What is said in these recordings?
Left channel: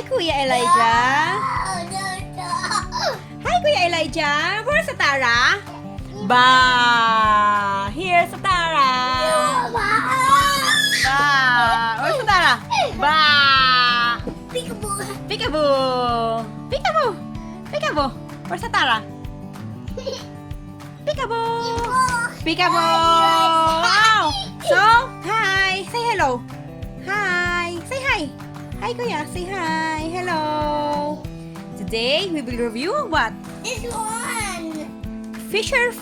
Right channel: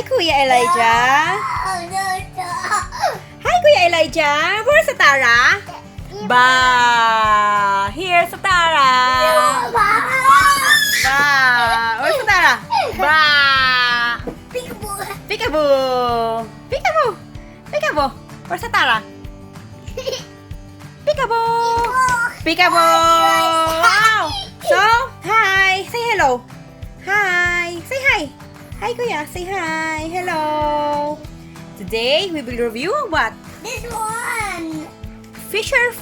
Hi, Kuya Elijah. Hi, Kuya Elijah. Where's Atarah? Ba. Here's Atarah. Ba. Where's Atarah? Ba. Peekaboo. Peekaboo. Peekaboo. Where's Atarah? Peekaboo. Peekaboo. Wow. So, hi. Say hello. Hi. Say hi. Hi, Kuya. Say hi. Hello. Today, we will review what? This one. Fisher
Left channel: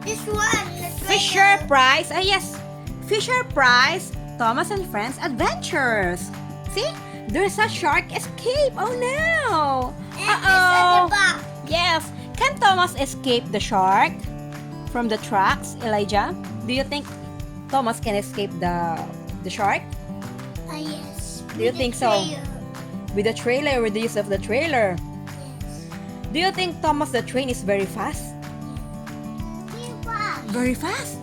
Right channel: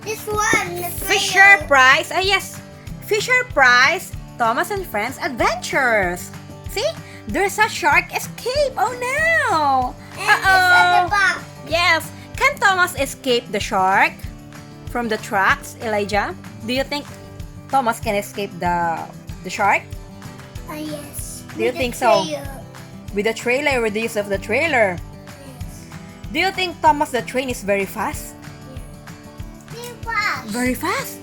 This one. Fisher Price. Yes. Fisher Price Thomas and Friends Adventures. See? There's a shark escape. Oh no. Uh-oh. Yes. Can Thomas escape the shark from the tracks, Elijah? Do you think Thomas can escape the shark? Yes. Do you think so? With the trailer, with the use of the trailer. Do you think Thomas the train is very fast? Very fast?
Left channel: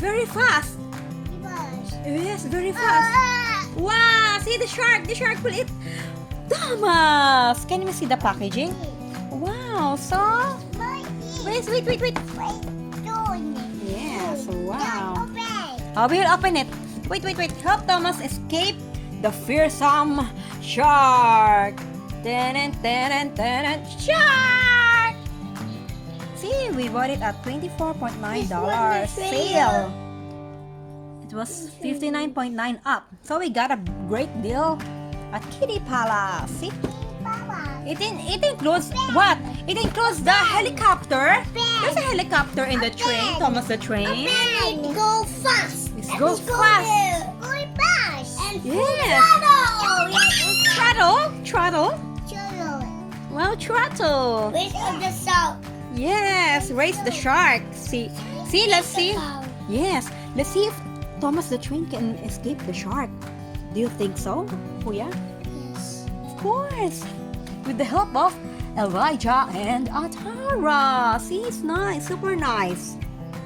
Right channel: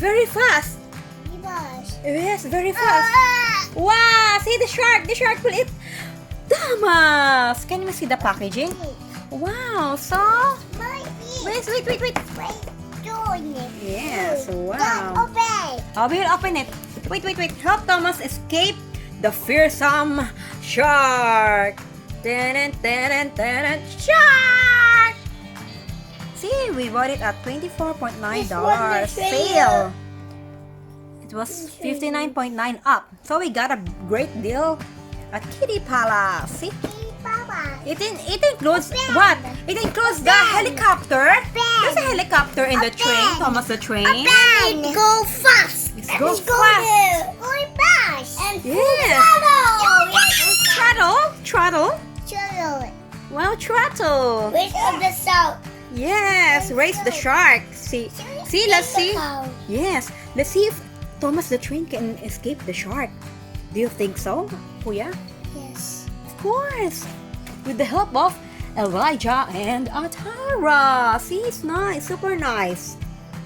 Very fast. Yes, very fast. Wow, see the shark. The shark will eat Thomas. Can you see the packaging? Wow, so wait. Yes, wow. Oh, we'll open it. Wait. Help Thomas escape the fearsome shark. Shark! See, we bought it at $24.9 sale. It was $59.9 up. So we got a great deal at Kitty Palace. See? It includes what? It includes the helicopter. There's a helicopter in the train, Thomas the train. It go fast. It goes fast. Going fast. And Yes. Throttle. Wow, throttle. Which of the salt? Yes, raise the shark. See, let's see. Yes, let's see if Thomas the train can escape the shark. Do you think so, Kuya? Yes. Of course. With the help of Elijah and Atarah. See, it's nice, super nice.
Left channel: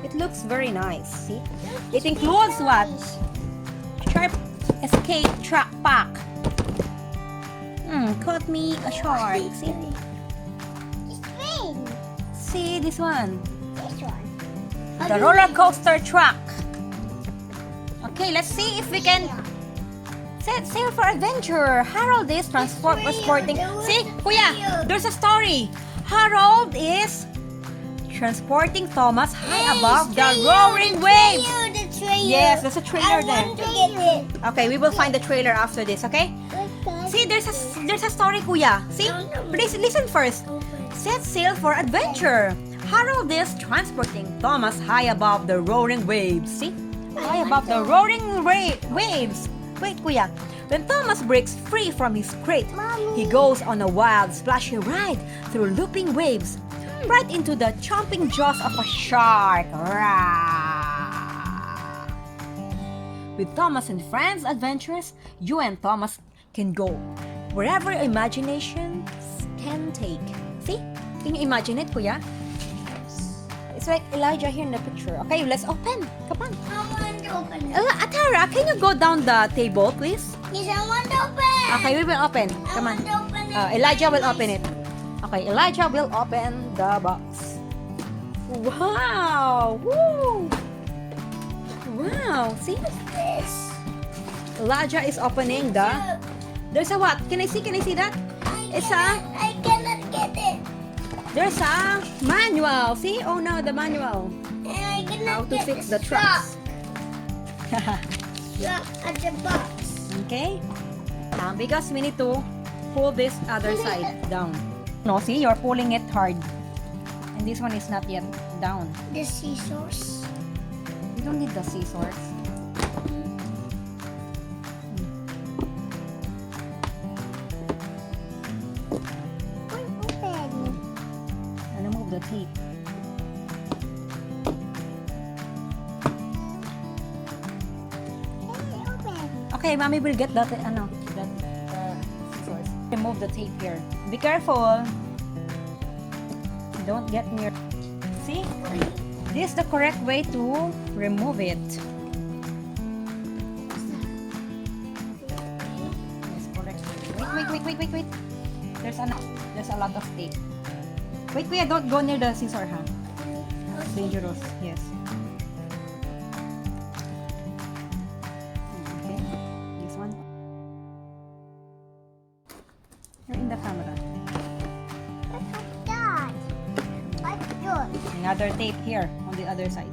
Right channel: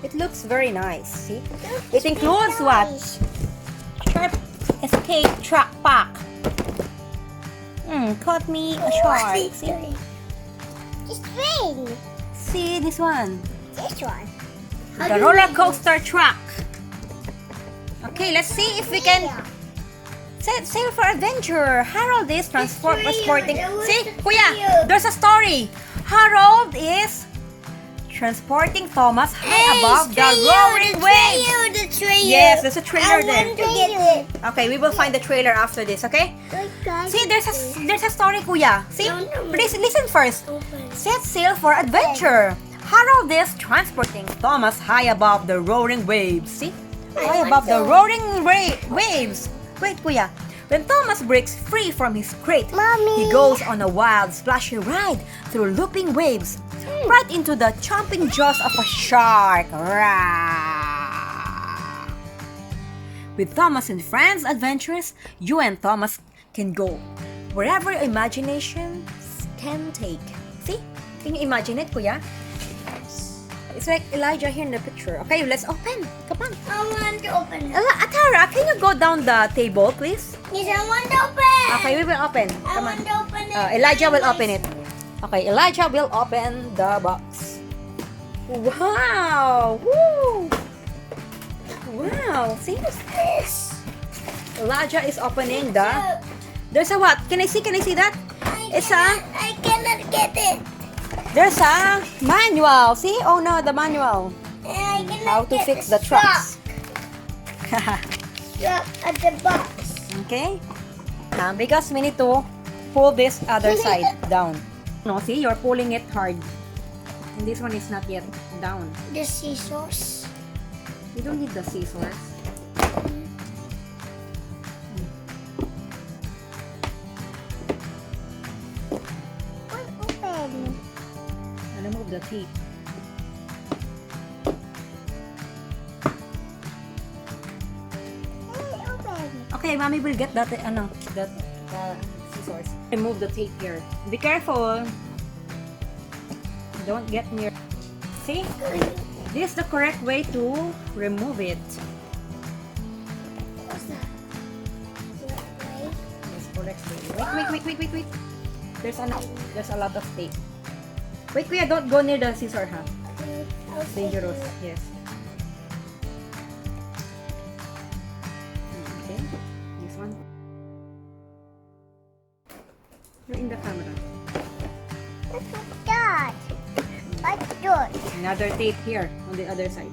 It looks very nice. See, it includes what? Shark escape track pack. Caught me a shark. See? This thing. See this one. This one. The roller coaster truck. Okay, let's see if we can sail for adventure. Harold is transporting. See, Kuya, there's a story. Harold is transporting Thomas high above the roaring waves. Yes, there's a trailer there. I want to get it. Okay, we will find the trailer after this. Okay. See, there's a story, Kuya. See, please listen first. Set sail for adventure. Harold is transporting Thomas high above the roaring waves. See? High above the roaring waves. Wait, Kuya. When Thomas breaks free from his crate, Mommy. he goes on a wild, splashy ride through looping waves, right into the chomping jaws of a shark. Rah! With Thomas and Friends Adventures, you and Thomas can go wherever imagination can take. See? Can you imagine it, Kuya? It's like Elijah here in the picture. Okay, let's open. Come on. I want to open it. Atarah, can you go down the table, please? Yes, I want to open. Okay, we will open. I Come want on. to open it. Elijah will open it. Okay, Elijah will open the box. Wow! Woo! Wow! See this? Elijah is opening the. There's a what? Can I see that? I cannot get it. There's a manual. See? Oh no, the manual. I cannot How to get fix the trucks. Look at the box. Okay? Because we need to pull this other side down. No, see? You're pulling it hard. And this one is not yet down. The scissors. You don't need the scissors. Open. Remove the teeth. Open. Okay, Mommy will get that, scissors. Remove the tape here. Be careful. Don't get near. See? This is the correct way to remove it. Wait. There's a lot of tape. Wait, Kuya, don't go near the scissor, huh? It's dangerous. Yes. Okay. This one. You're in the camera. What's that? What's good? Another tape here on the other side.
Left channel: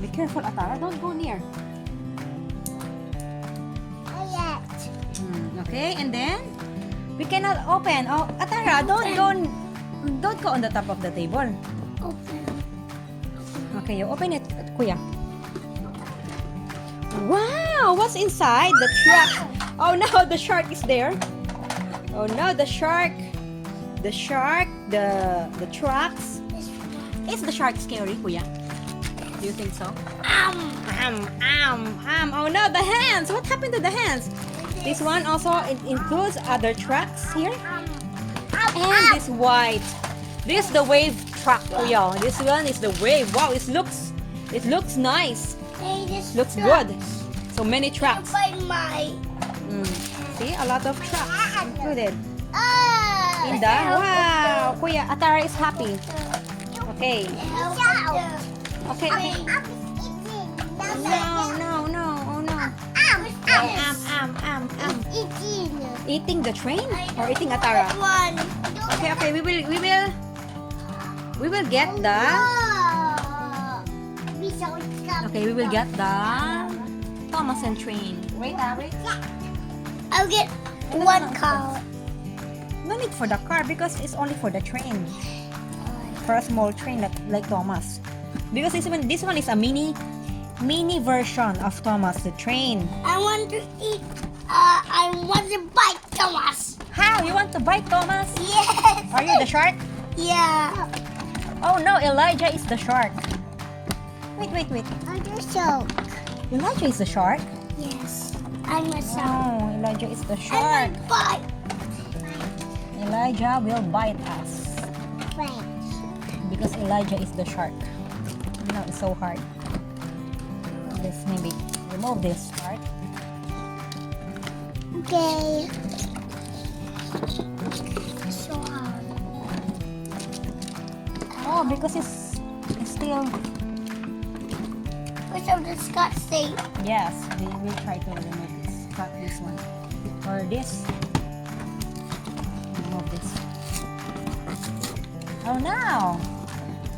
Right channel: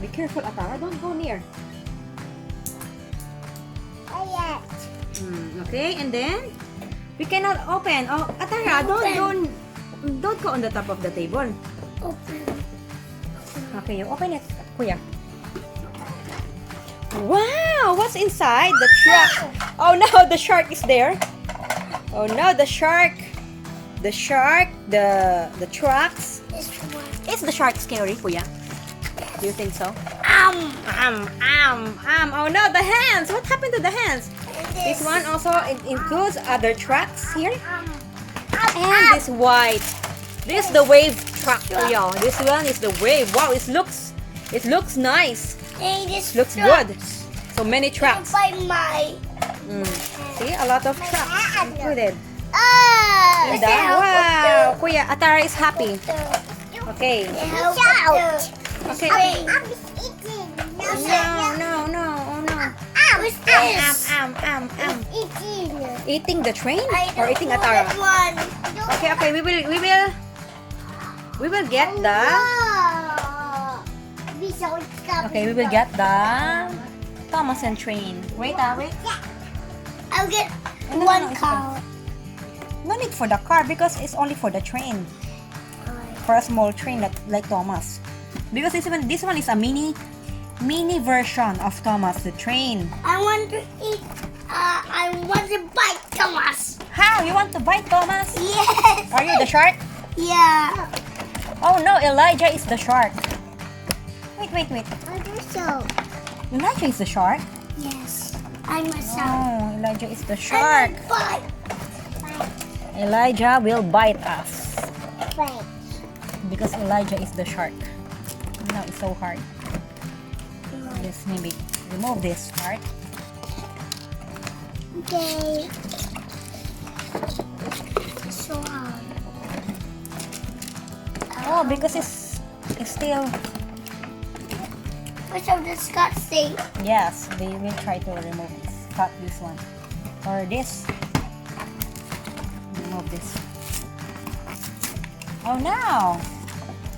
Be careful, Atarah. Don't go near. Okay, and then we cannot open. Oh, Atarah, don't go on the top of the table. Open. Okay, you open it, Kuya. Wow, what's inside the truck? Oh no, the shark is there. Oh no, the shark, the trucks. Is the shark scary, Kuya? Do you think so? Oh no, the hands. What happened to the hands? This one also includes other trucks here. And this white. This is the wave truck, y'all. This one is the wave. Wow, it looks nice. Looks good. So many trucks. See, a lot of trucks included. Wow, Kuya, Atarah is happy. Okay. Okay. No. Oh no. Eating the train or eating Atarah? Okay. We will get the. Okay, we will get the Thomas and train. Wait. I'll get No, one it's car. okay. No need for the car because it's only for the train. For a small train like Thomas. Because this one is a mini version of Thomas the train. I want to eat. I want to bite Thomas. How? You want to bite Thomas? Yes. Are you the shark? Yeah. Oh no, Elijah is the shark. Wait. Understand. Elijah is the shark? Yes. I'm a shark. Oh, Elijah is the shark. Bite. Elijah will bite us. Wait. Because Elijah is the shark. No, it's so hard. Let's maybe remove this part. Okay. So hard. Oh, because it's still. What's of the Scotch tape? Yes, we will try to remove this. Cut this one. Or this. Remove this. Oh no!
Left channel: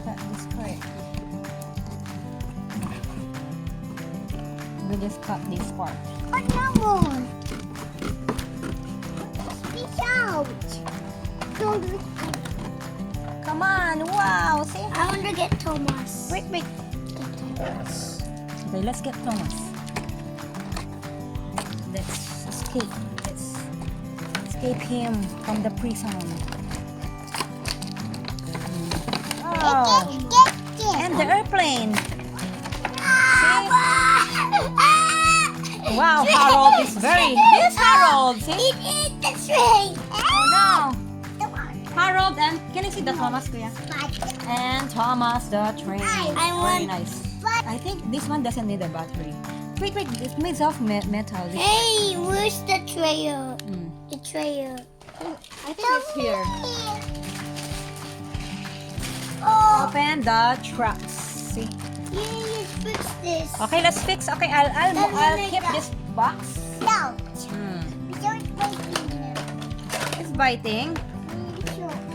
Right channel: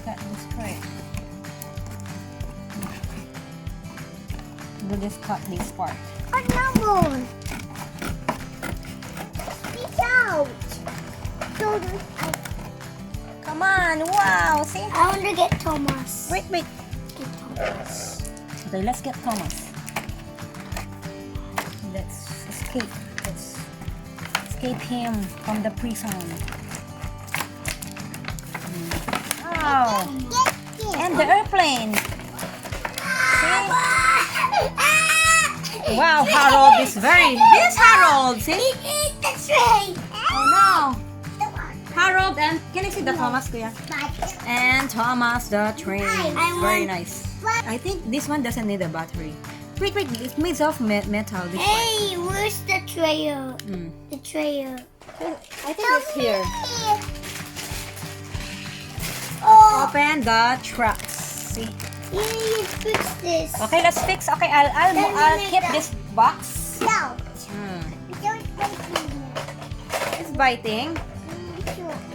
Cut this part. We'll just cut this part. Oh no! Speak out! Come on! Wow! See? I want to get Thomas. Wait. Okay, let's get Thomas. Let's escape. Let's escape him from the prison. Wow! And the airplane. See? Wow, Harold is This Harold, see? Eat the train. Oh no! Harold and can you see the Thomas, Kuya? And Thomas the train. Very nice. I think this one doesn't need a battery. Wait, it's made of metal. This Hey, where's the tray? one. The tray. I think it's here. Oh, Open the trucks. See? you fix this. Okay, let's fix. Okay, I'll keep this box. No. Don't It's biting.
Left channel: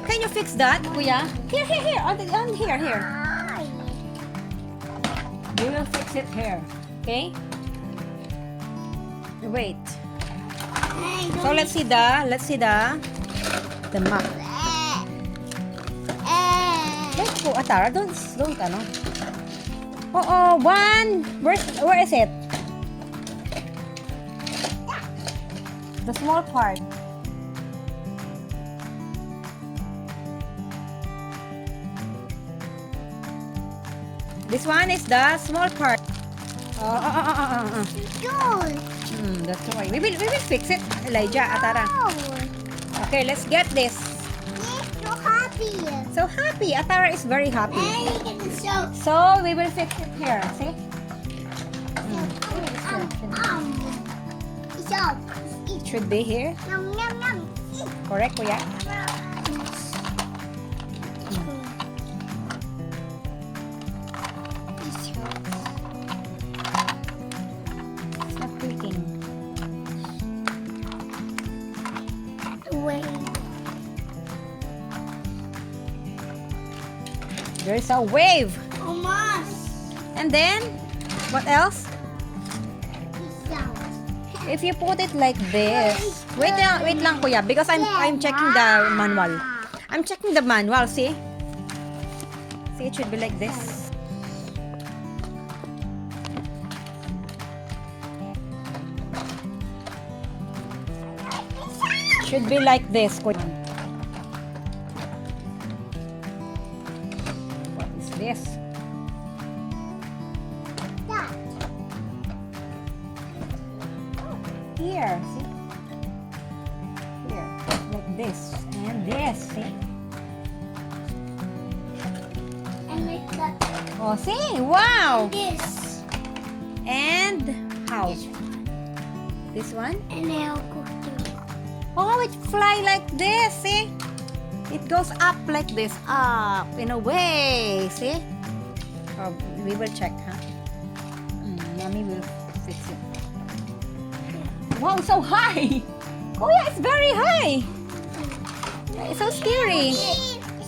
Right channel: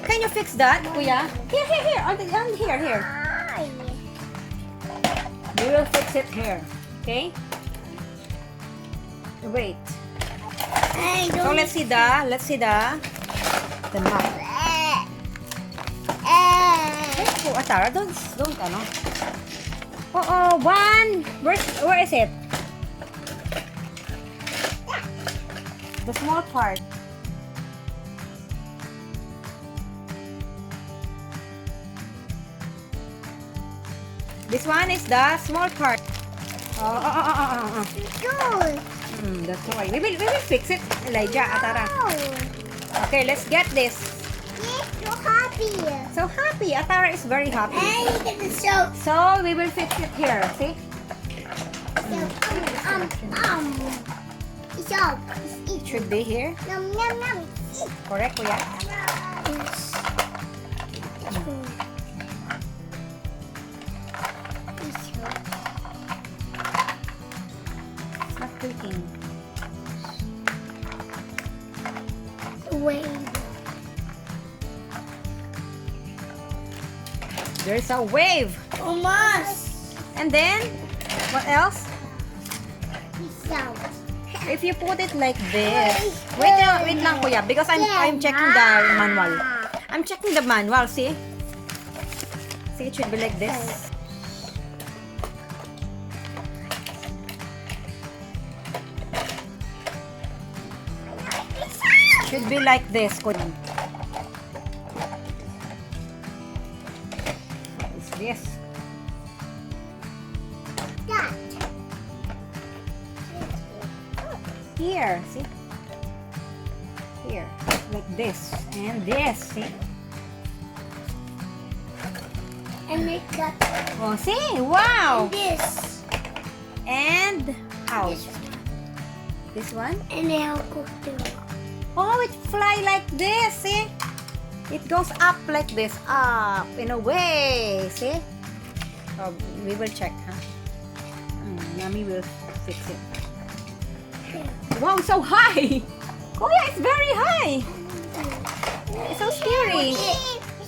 Can you fix that, Kuya? Here. Here. We will fix it here. Okay? Wait. I So don't. let's see the map. Oh, Atarah, don't ano. Oh, one. Where is it? The small part. This one is the small part. Good. That's why. We will fix it, Elijah, Atarah. Okay, let's get this. Yes, so happy. So happy. Atarah is very happy. And you get the soap. So we will fix it here. See? So, eat. Should be here. Yum, yum, yum. Eat. Correct, kuya? It's not clicking. Wait. There's a wave. Almost. And then, what else? So, If you put it like this. Wait lang kuya, because I'm checking the manual. I'm checking the manual, see? See, it should be like this. Should be like this, kuya. What is this? that. Here, see? Here, like this. And this, see? And make that. Oh, see? Wow! This. And how? This one? And they'll cook too. Oh, it fly like this, see? It goes up like this, up in a way, see? Oh, we will check, huh? Mommy will fix it. Wow, so high! Oh yeah, it's very high! It's so scary.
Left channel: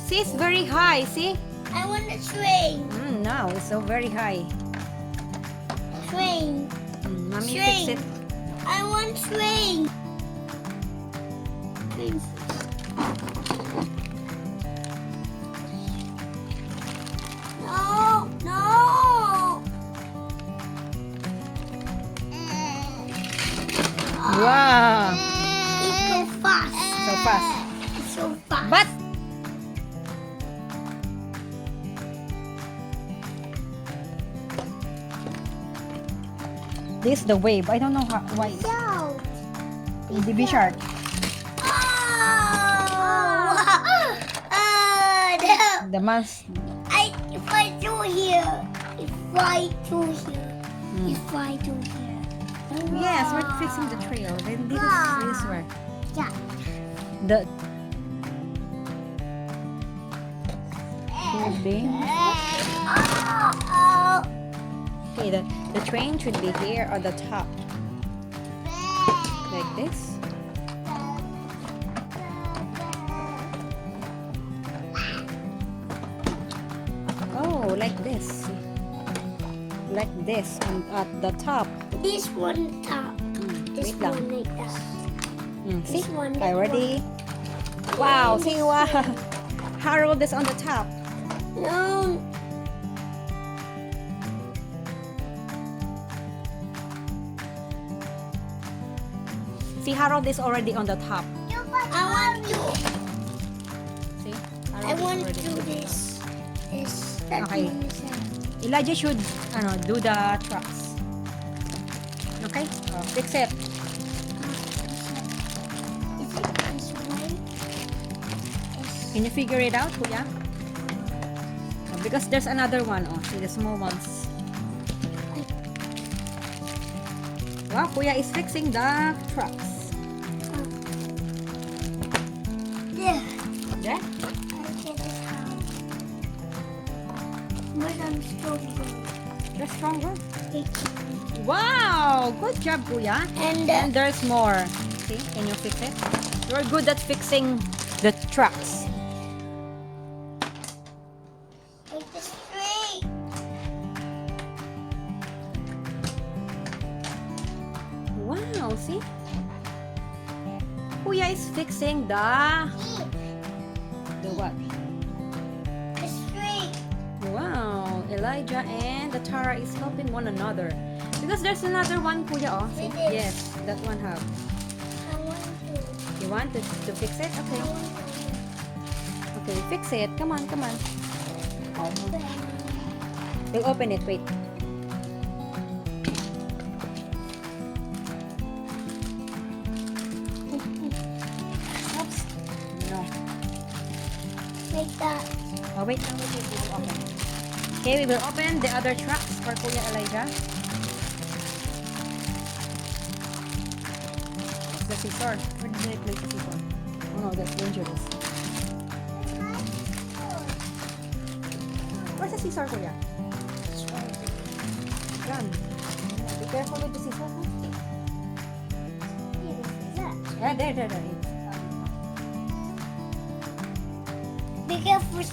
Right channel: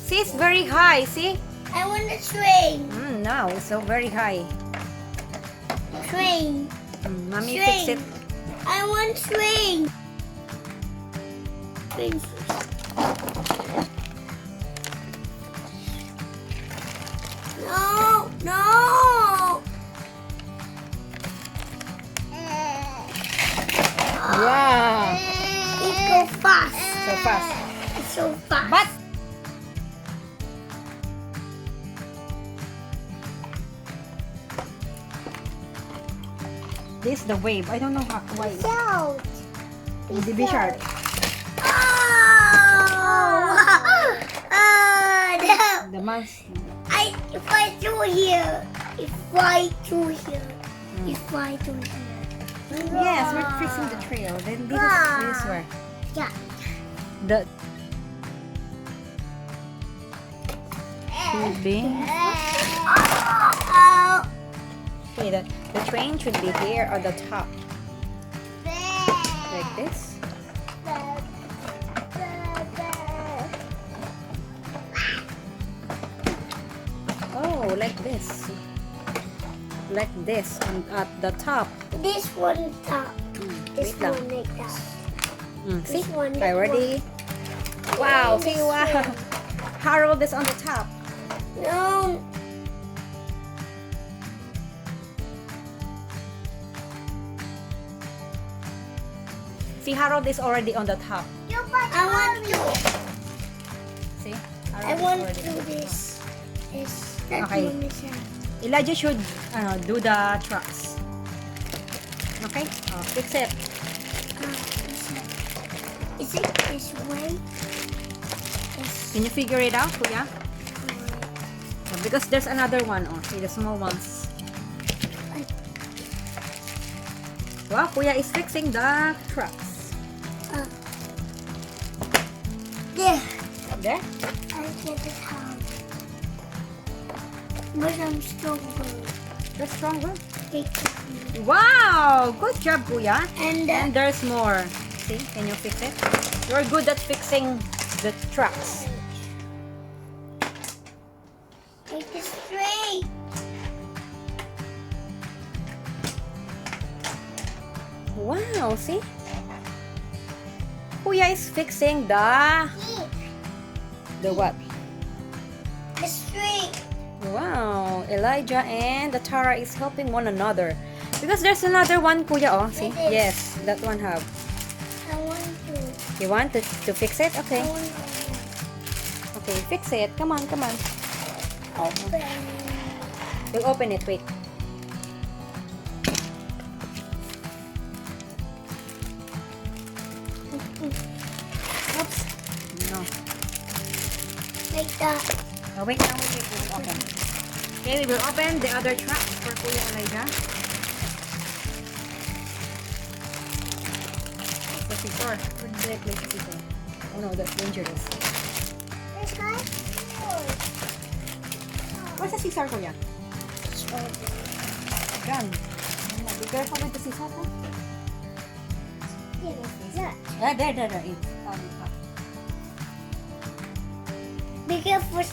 See, it's very high, see? I want a train. No, it's so very high. Train. Mommy fix it. I want train. Train. No, no. Wow! It go fast. So fast. It's so fast. But this is the wave. I don't know why. No. Hindi be sharp. Oh, no. The mask. If I do here, if I do here, if I do here. Yes, we're fixing the trail. Then this way. Yeah. The should be. Oh. Okay, the train should be here on the top. Like this. Oh, like this. Like this, and at the top. This one top. This wait lang. one like that. See? This one. Okay, ready? Wow, see, wow. Harold is on the top. No. See, Harold is already on the top. I want to. See? I Harold want is to already do this. That Okay. one is Elijah should do the trucks. Okay? Oh, fix it. Is it this way? Can you figure it out, Kuya? Because there's another one. Oh, see the small ones. Wow, Kuya is fixing the trucks. There. There? I get it out. But I'm stronger. That's stronger. Take it. Wow! Good job, Kuya. And And there's more. See? Can you fix it? You're good at fixing the trucks. take it straight. Wow, see? Kuya is fixing the what? Straight. Wow, Elijah and Atarah is helping one another. Because there's another one, Kuya, oh. See? It is. Yes, that one have. I want to. You want to fix it? Okay. I want to. Okay, fix it. Come on, come on. Oh, Open. we'll open it. Wait. Oops. No. Like that. Oh, wait now. Wait, we will open. Okay, we will open the other truck for Kuya Elijah. scissor. Where did I place the scissor? Oh no, that's dangerous. This guy? Where's the scissor, Kuya? Yan. Be careful with the scissor, huh? Ah, there. It's Be careful. it's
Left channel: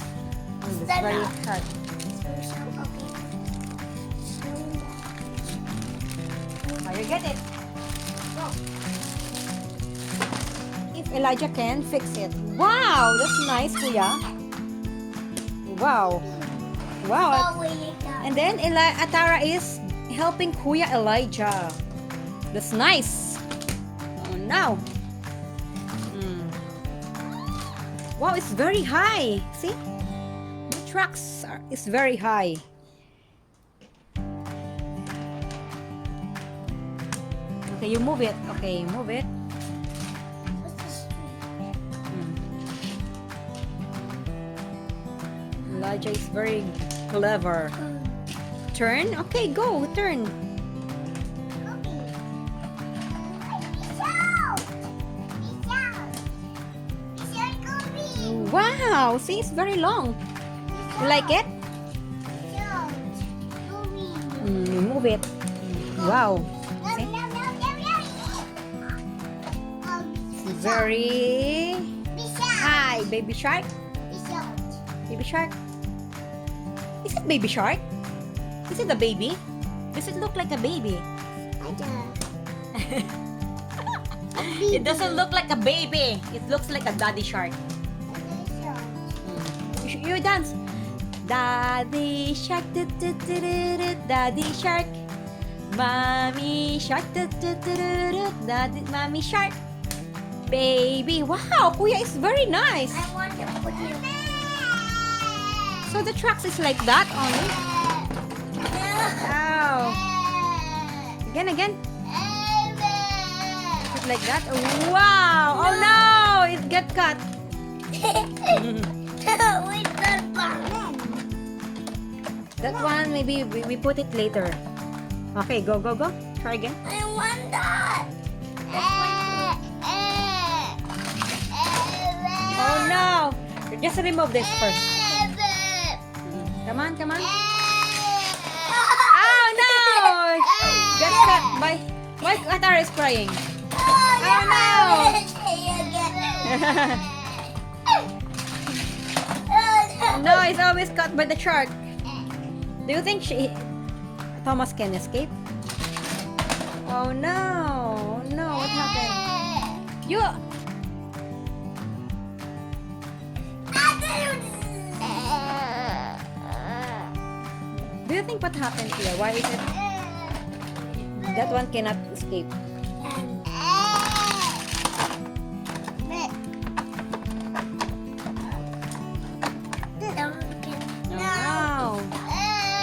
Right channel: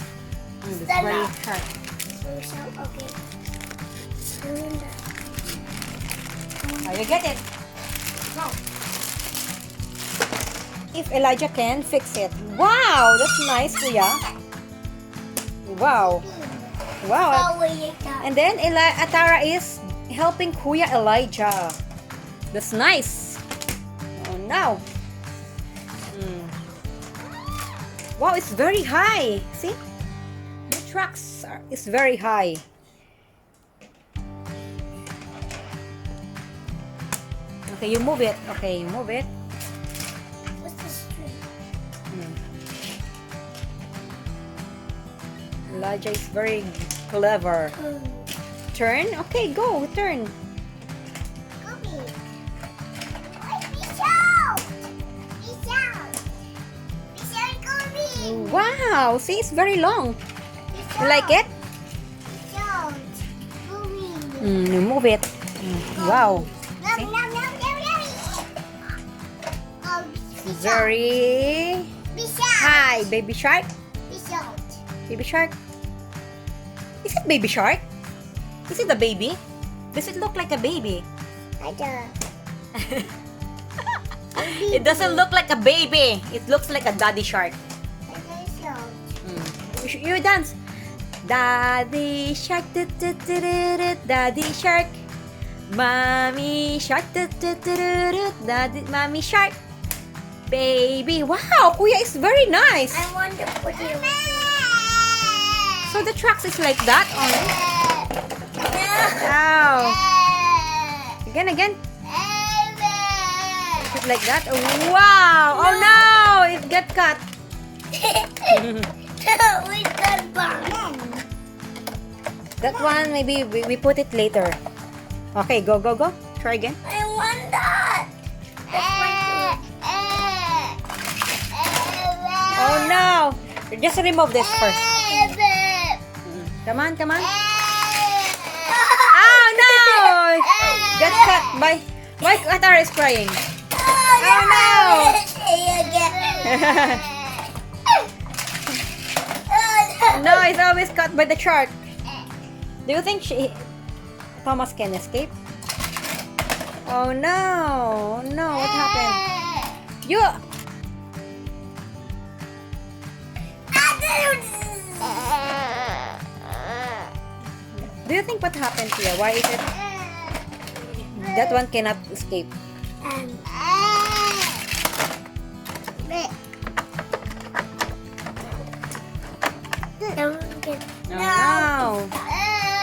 very hard. Oh, you get it. Go. If Elijah can fix it. Wow, that's nice, Kuya. Wow. Wow. And then Atarah is helping Kuya Elijah. That's nice. Oh no. Wow, it's very high. See? The tracks is very high. Okay, you move it. Okay, you move it. What's this tree? Elijah is very clever. Turn? Okay, go. Turn. Wow. See, it's very long. You like it? You move it. Wow. Very high. Baby shark? Baby shark? Is it baby shark? Is it a baby? Does it look like a baby? It doesn't look like a baby. It looks like a daddy shark. You dance. Daddy shark, daddy shark. Mommy shark, daddy, mommy shark. Baby, wow, Kuya is very nice. I want to put it. So the tracks is like that only. Wow. Again. Is it like that? Wow. Oh no, it got cut. We got burned. That one, maybe we put it later. Okay, go. Try again. I want that. Oh no! Just remove this first. Come on. Oh no! Get cut by Atarah is crying. Oh no! No, it's always cut by the shark. Do you think Thomas can escape? Oh no! No, what happened? You. Do you think what happened here? Why is it that one cannot escape? Oh no!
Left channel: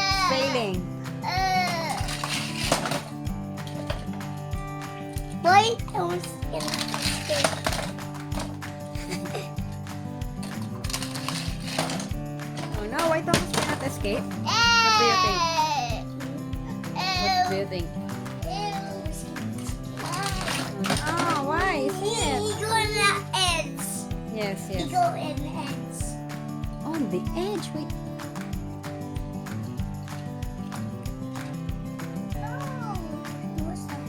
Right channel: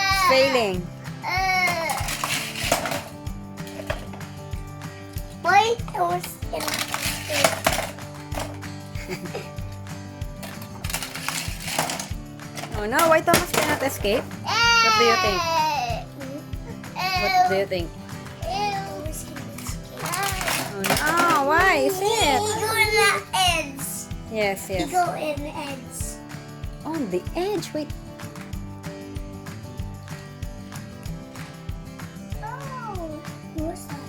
It's failing. Why? Oh no, why Thomas cannot escape? What do you think? What do you think? Oh no, why? Is He it? go in the edge. Yes. He go in the edge. On the edge, wait. Oh, what's that?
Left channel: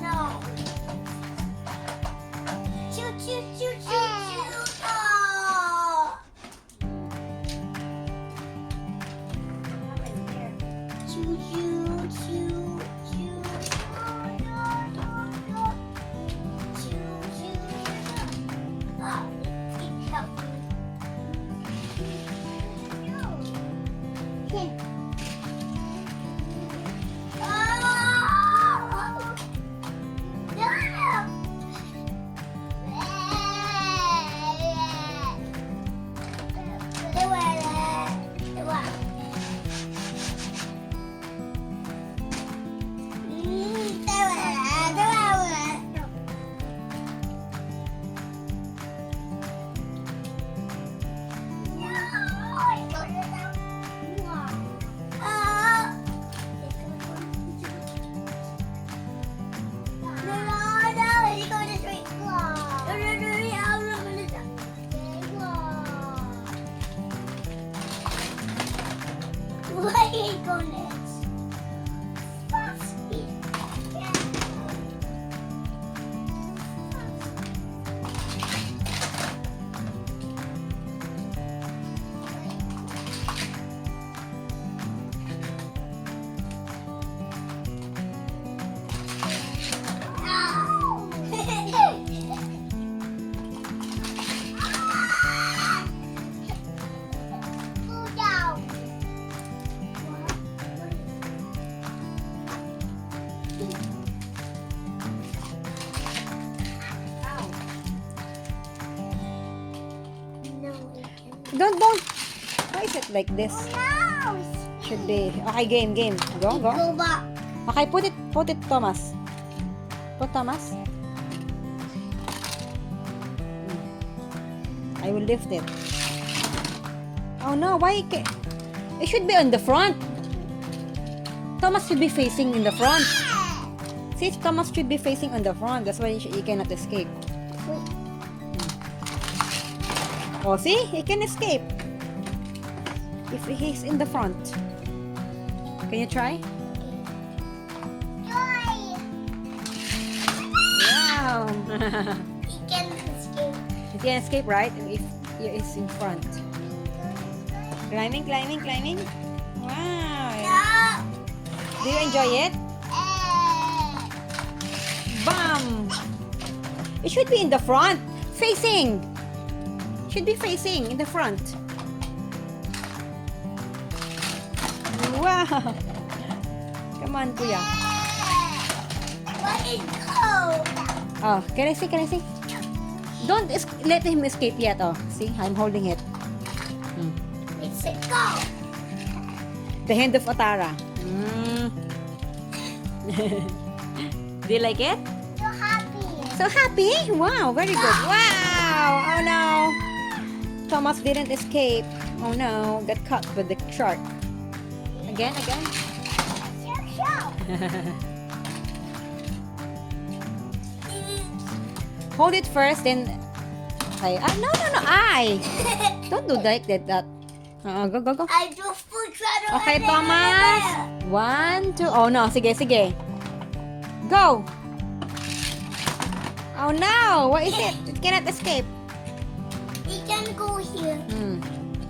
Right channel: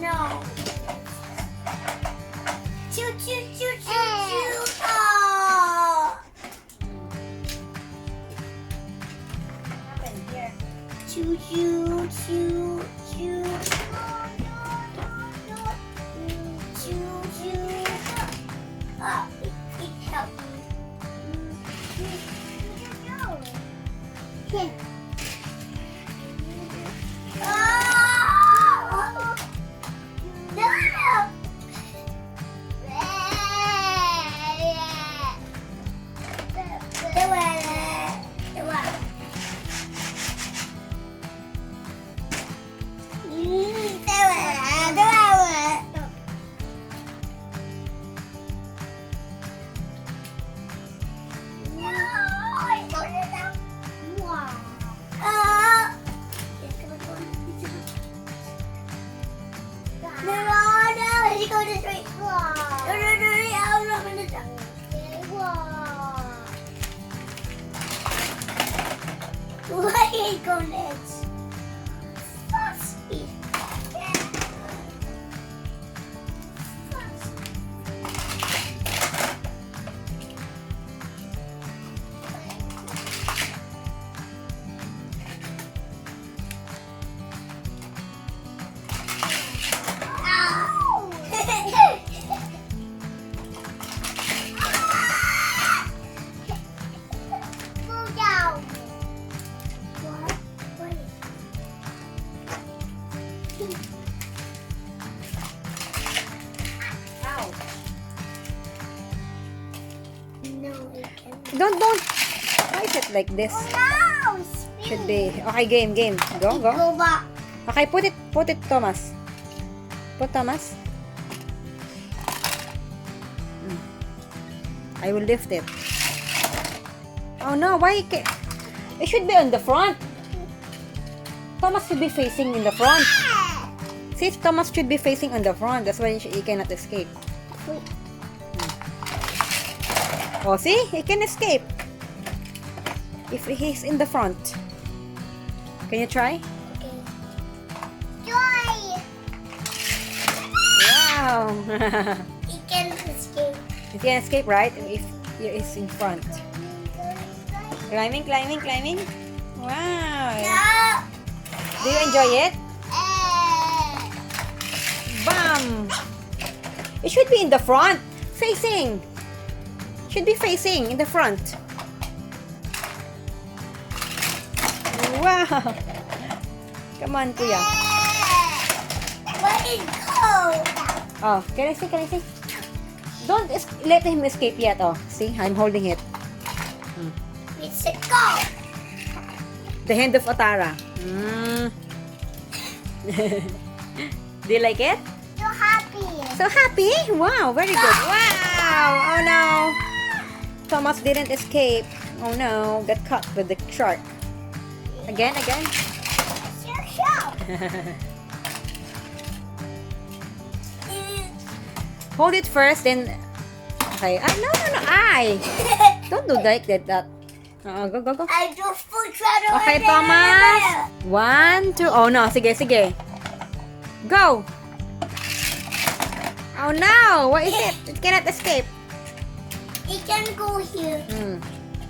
No. Choo. Oh. Choo. Oh, it helped me. Here. Oh! No! Why are you going next? Fast. Don't. Why is it like this? No, Should be. Okay, game. Go. Go back. Okay, put it, Thomas. Put Thomas. I will lift it. Oh no, why it should be on the front. Thomas should be facing in the front. See, Thomas should be facing on the front. That's why he cannot escape. Oh, see? He can escape. If he's in the front. Can you try? Joy. Wow. He can escape. He can escape, right? If he is in front. Climbing. Wow. No. Do you enjoy it? Eh. Bam! It should be in the front. Facing. Should be facing in the front. Wow. Come on, Kuya. Let it go. Oh, can I see? Don't let him escape yet. Oh, see? I'm holding it. Let's go. The hand of Atarah. Do you like it? So happy. So happy? Wow, very good. Wow! Oh no! Thomas didn't escape. Oh no, got caught with the shark. Again. Show. Hold it first, then. Okay. No. Don't do like that. Go. I do food right away. Okay, Thomas. 1, 2. Oh no, sige. Go. Oh no! What is it? It cannot escape. It can go here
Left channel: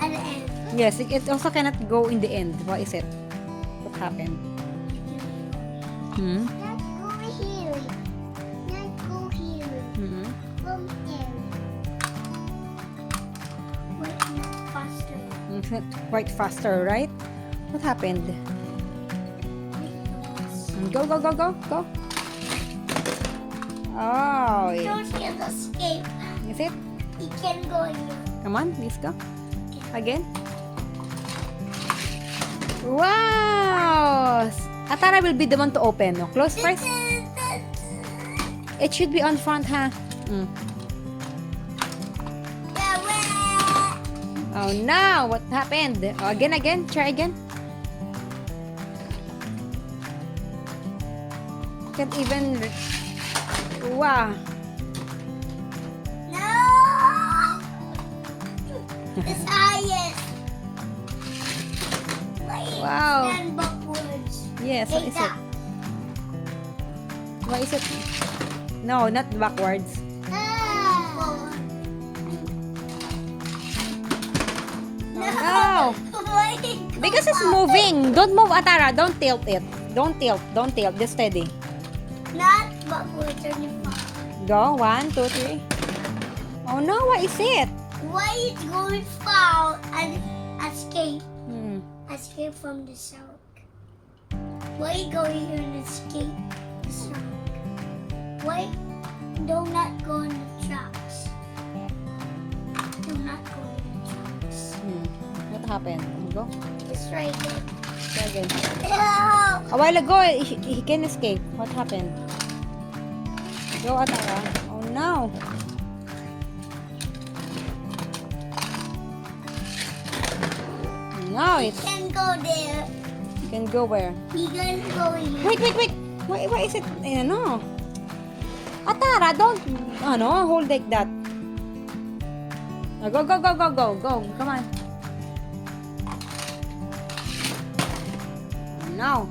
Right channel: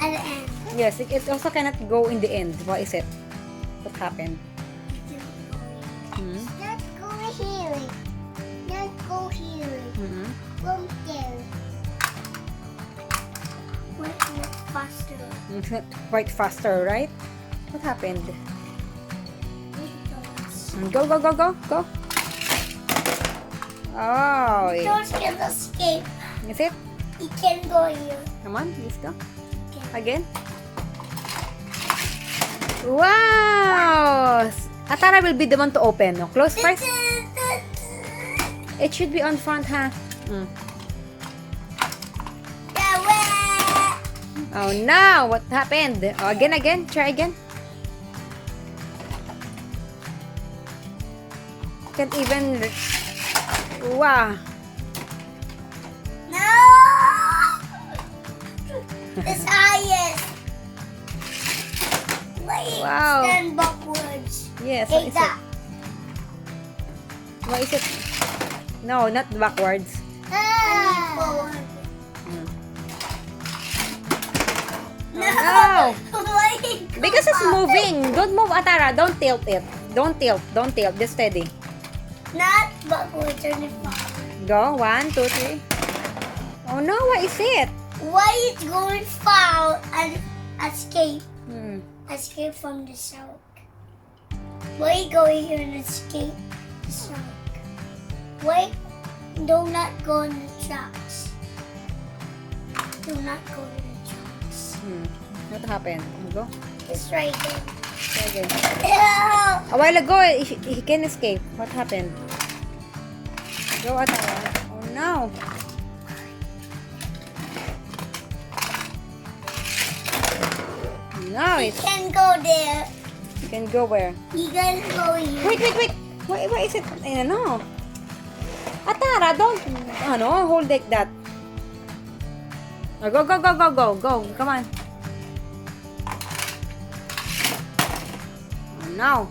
at the end. Yes, it also cannot go in the end. What is it? What happened? Not go here. Not go here. From there. Wait, not faster. It's not quite faster, right? What happened? Go. Oh, Don't get escape. is it? It can go here. Come on, let's go. Again. Wow! Atarah will be the one to open. No? Close first. It should be on front, huh? Oh no! What happened? Oh, again. Try again. Can't even. Wow. No! It's highest. Wait, Wow. stand backwards. Yes, what Take is it? that. What is it? No, not backwards. Forward. No. Wait, Because it's moving. Don't move, Atarah. Don't tilt it. Don't tilt. Just steady. not backwards. Turn it back. Go. 1, 2, 3. Oh no, what is it? Why is going far and escape? Hmm. Escape from the shark. Why go here and escape the shark? Wait, do not go on the tracks. Do not go on the tracks. What happened? Go. It's right there. Try again. Ew. A while ago, he can escape. What happened? Go, Atarah. Oh no. No, He it can go there. can go where? He can go here. Wait. What is it? No. Atarah, don't. Hold like that. Go. Come on. no.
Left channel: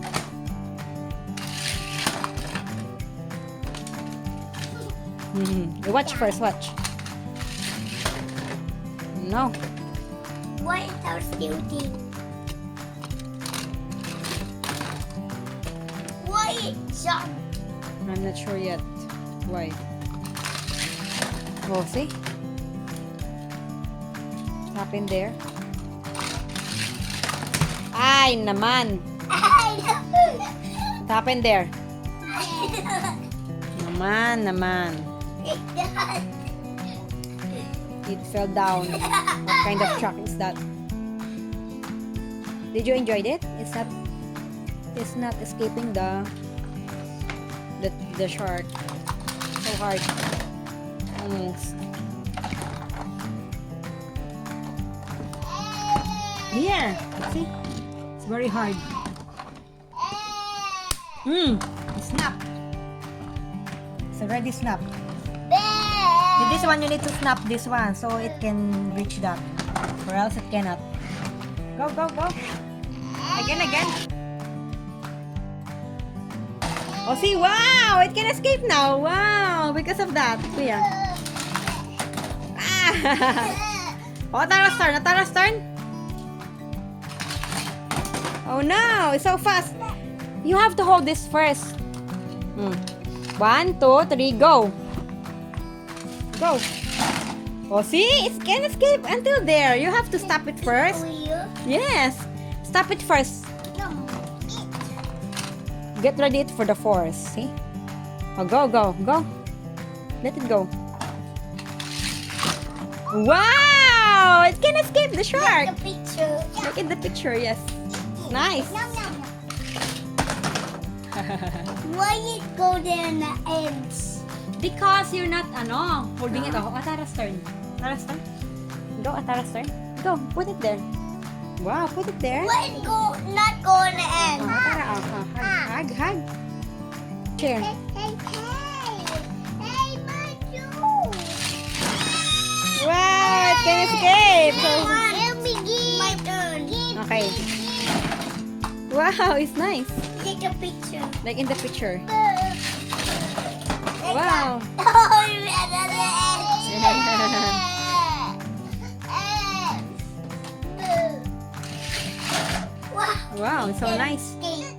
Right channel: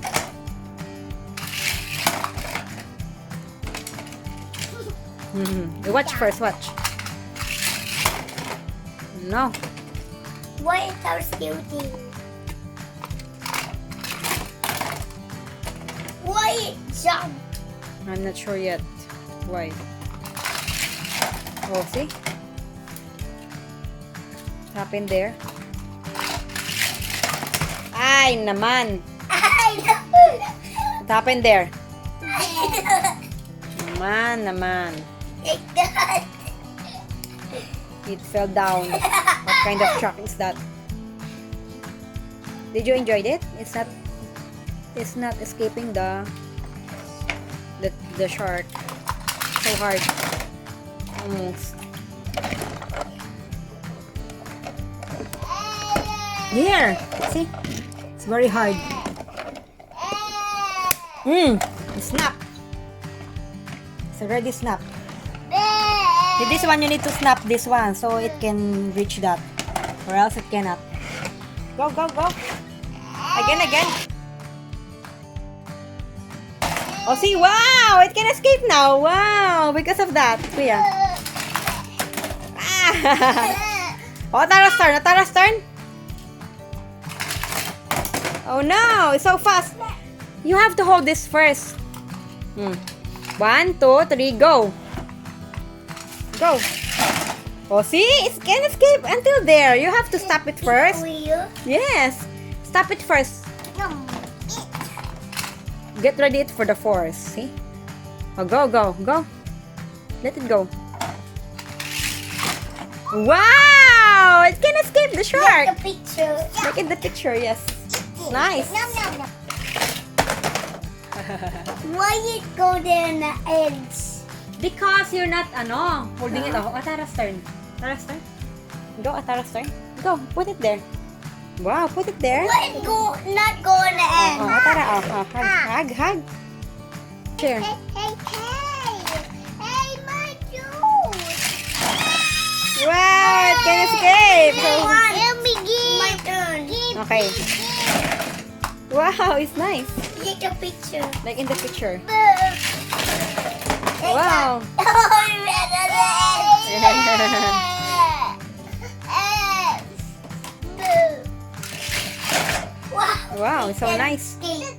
Watch first, watch. No. What is our still thing? Why it jumped? I'm not sure yet. Why? Oh, see? What happened there? Ay, naman. I What happened there? know. Naman. Like that. It fell down. What kind of truck is that? Did you enjoy it? It's not escaping the shark. So hard. Almost. Here. See? It's very hard. Snap. It's already snap. With this one, you need to snap this one so it can reach that. Or else it cannot. Go, go, go. Again. Oh, see? Wow! It can escape now. Wow! Because of that. Kuya. Ah! Oh, Atarah's turn. Atarah's turn. Oh, no. It's so fast. You have to hold this first. 1, 2, 3, go. Go. Oh, see? It can escape until there. You have to stop it first. Wheel. Yes. Stop it first. No. Get ready for the force. See? Oh, go, go, go. Let it go. Wow! It can escape the shark. Like the picture. Look at the picture, yes. Nice. No. Why it go there in the ends? Because you're not, holding it off. Atarah's turn. Atarah's turn. Go, Atarah's turn. Go, put it there. Wow, put it there. Why it go not go in the end? Oh, Atarah, hug. Here. Hey, my dude. Wow, it can escape. Let me give. My turn. Okay. Wow, it's nice. Take a picture. Like in the picture. Wow. Wow, it's so nice. You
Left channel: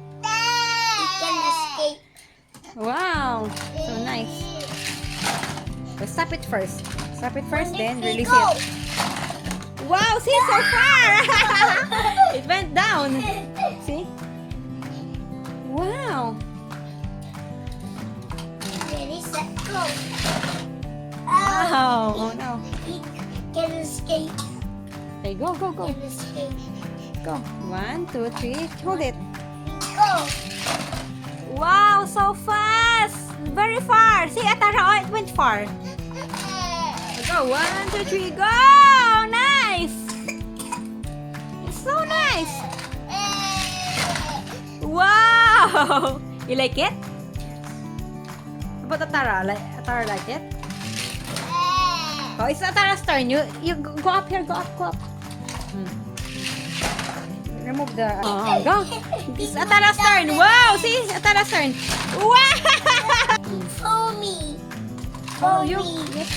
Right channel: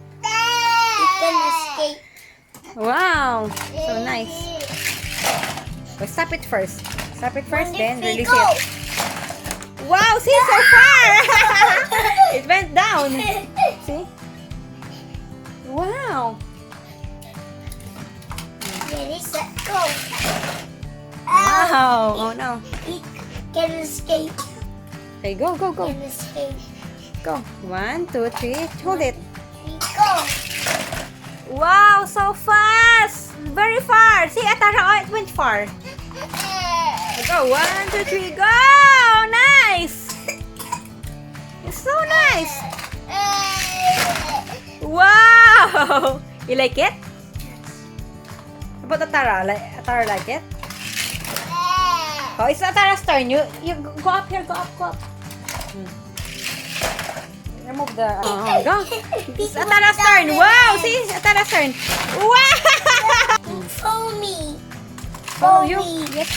can escape. Wow, so nice. So stop it first. Stop it first, then release Go. it. Wow, see, so far! It went down. See? Wow. Ready, set, go. Wow. Oh no. He can escape. Okay, go. Can escape. Go. 1, 2, 3. Hold it. Go. Wow, so fast. Very far. See, Atarah, it went far. Go. 1, 2, 3. Go. Nice. It's so nice. Wow. You like it? How about Atarah? Atarah like it? Oh, it's Atarah's turn. You go up here. Go up. Remove the... go. It's Atarah's turn. Wow, see? Atarah's turn. Wow! Follow me. Follow Follow you? me. Yep.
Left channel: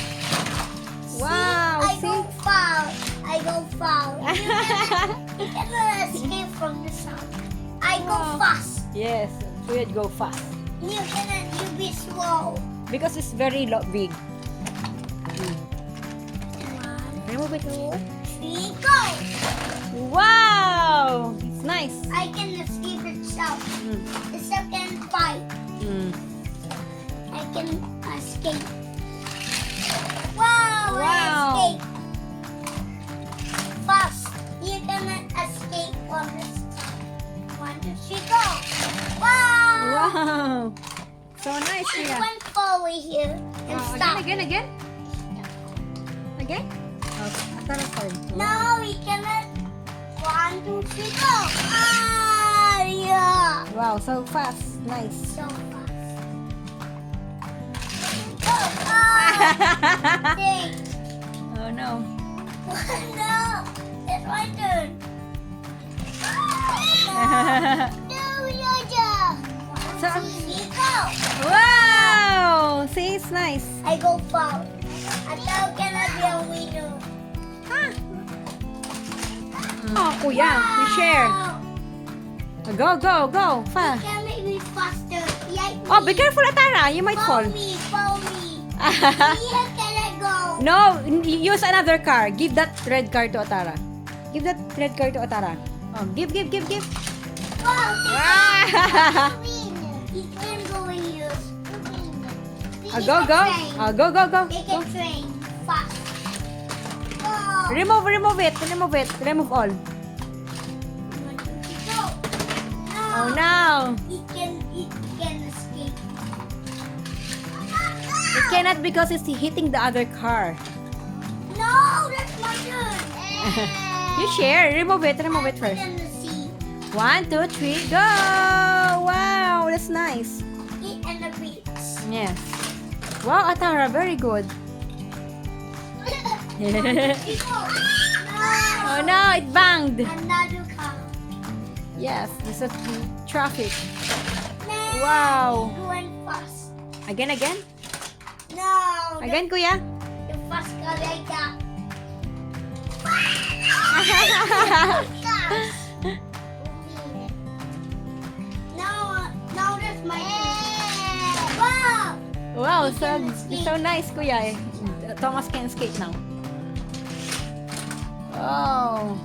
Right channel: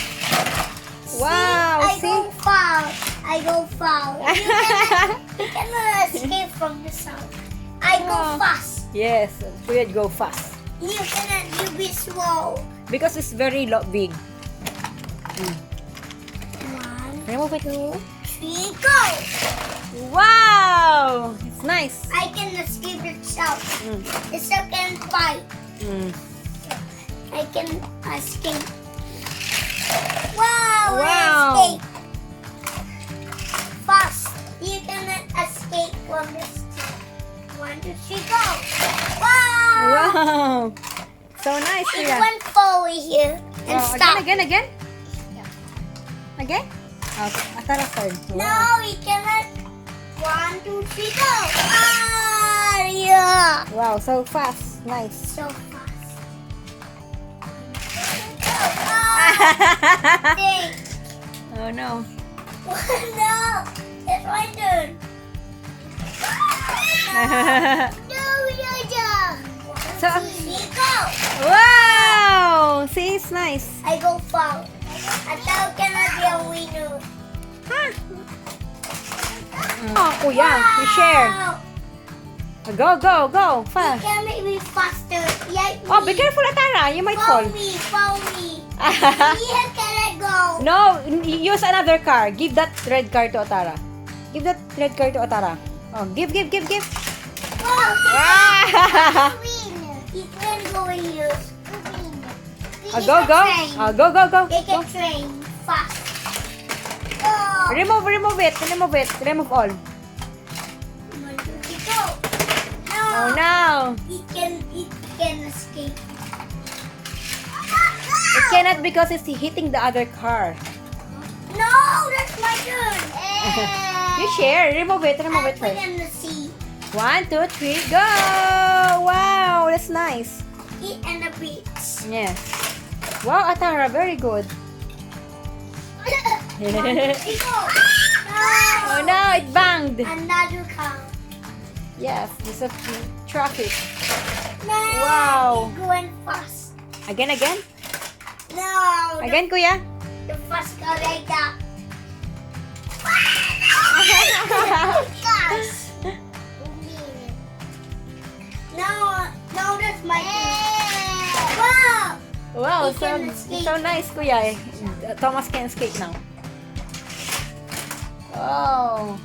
Wow, see? I go far. You cannot escape from the sound. I go Wow. fast. Yes, we would go fast. You cannot, you be slow. Because it's very big. 1, Remove it. 3, go. Wow! It's nice. I can escape itself. Mm. The second fight, Mm. I can escape. Wow! Wow. I escape. Fast. You cannot escape from this. 1, 2, 3, go. Wow! Wow! So nice, It Kuya. went forward here and Oh, stop. again? Again? Oh, Atarah's turn. No, we cannot. 1, 2, 3, go. Ah, yeah. Wow, so fast. Nice. So fast. Go. Ah, dang. Oh no. No, it's my turn. No, So, Nico! wow! See, it's nice. I go foul. Atara cannot be a winner. Huh? Oh, kuya, you share. Wow. Go, go, go. You Fast. can make me faster. Yeah, Oh, be careful, Atara. You might Follow fall. me, follow me. Here can I go? No, use another car. Give that red car to Atara. Give that red car to Atara. Oh, give. Wow, Ah! he can go in here. Go. Oh, go. Take a train fast. Go. Remove it. Remove all. Go. No. Oh, no. It can escape. It cannot because it's hitting the other car. No, that's my turn. You share. Remove it I put first. in the sea. 1, 2, 3, go! Wow, that's nice. Eat and the beach. Yes. Wow, Atara, very good. Oh no, it banged. Another car. Yes, there's a traffic. No. Wow. It's going fast. Again? No. Again, kuya? The first car like that. Cars. No, that's my turn. Wow. Wow, He can escape. so nice, kuya. Thomas can escape now. Oh.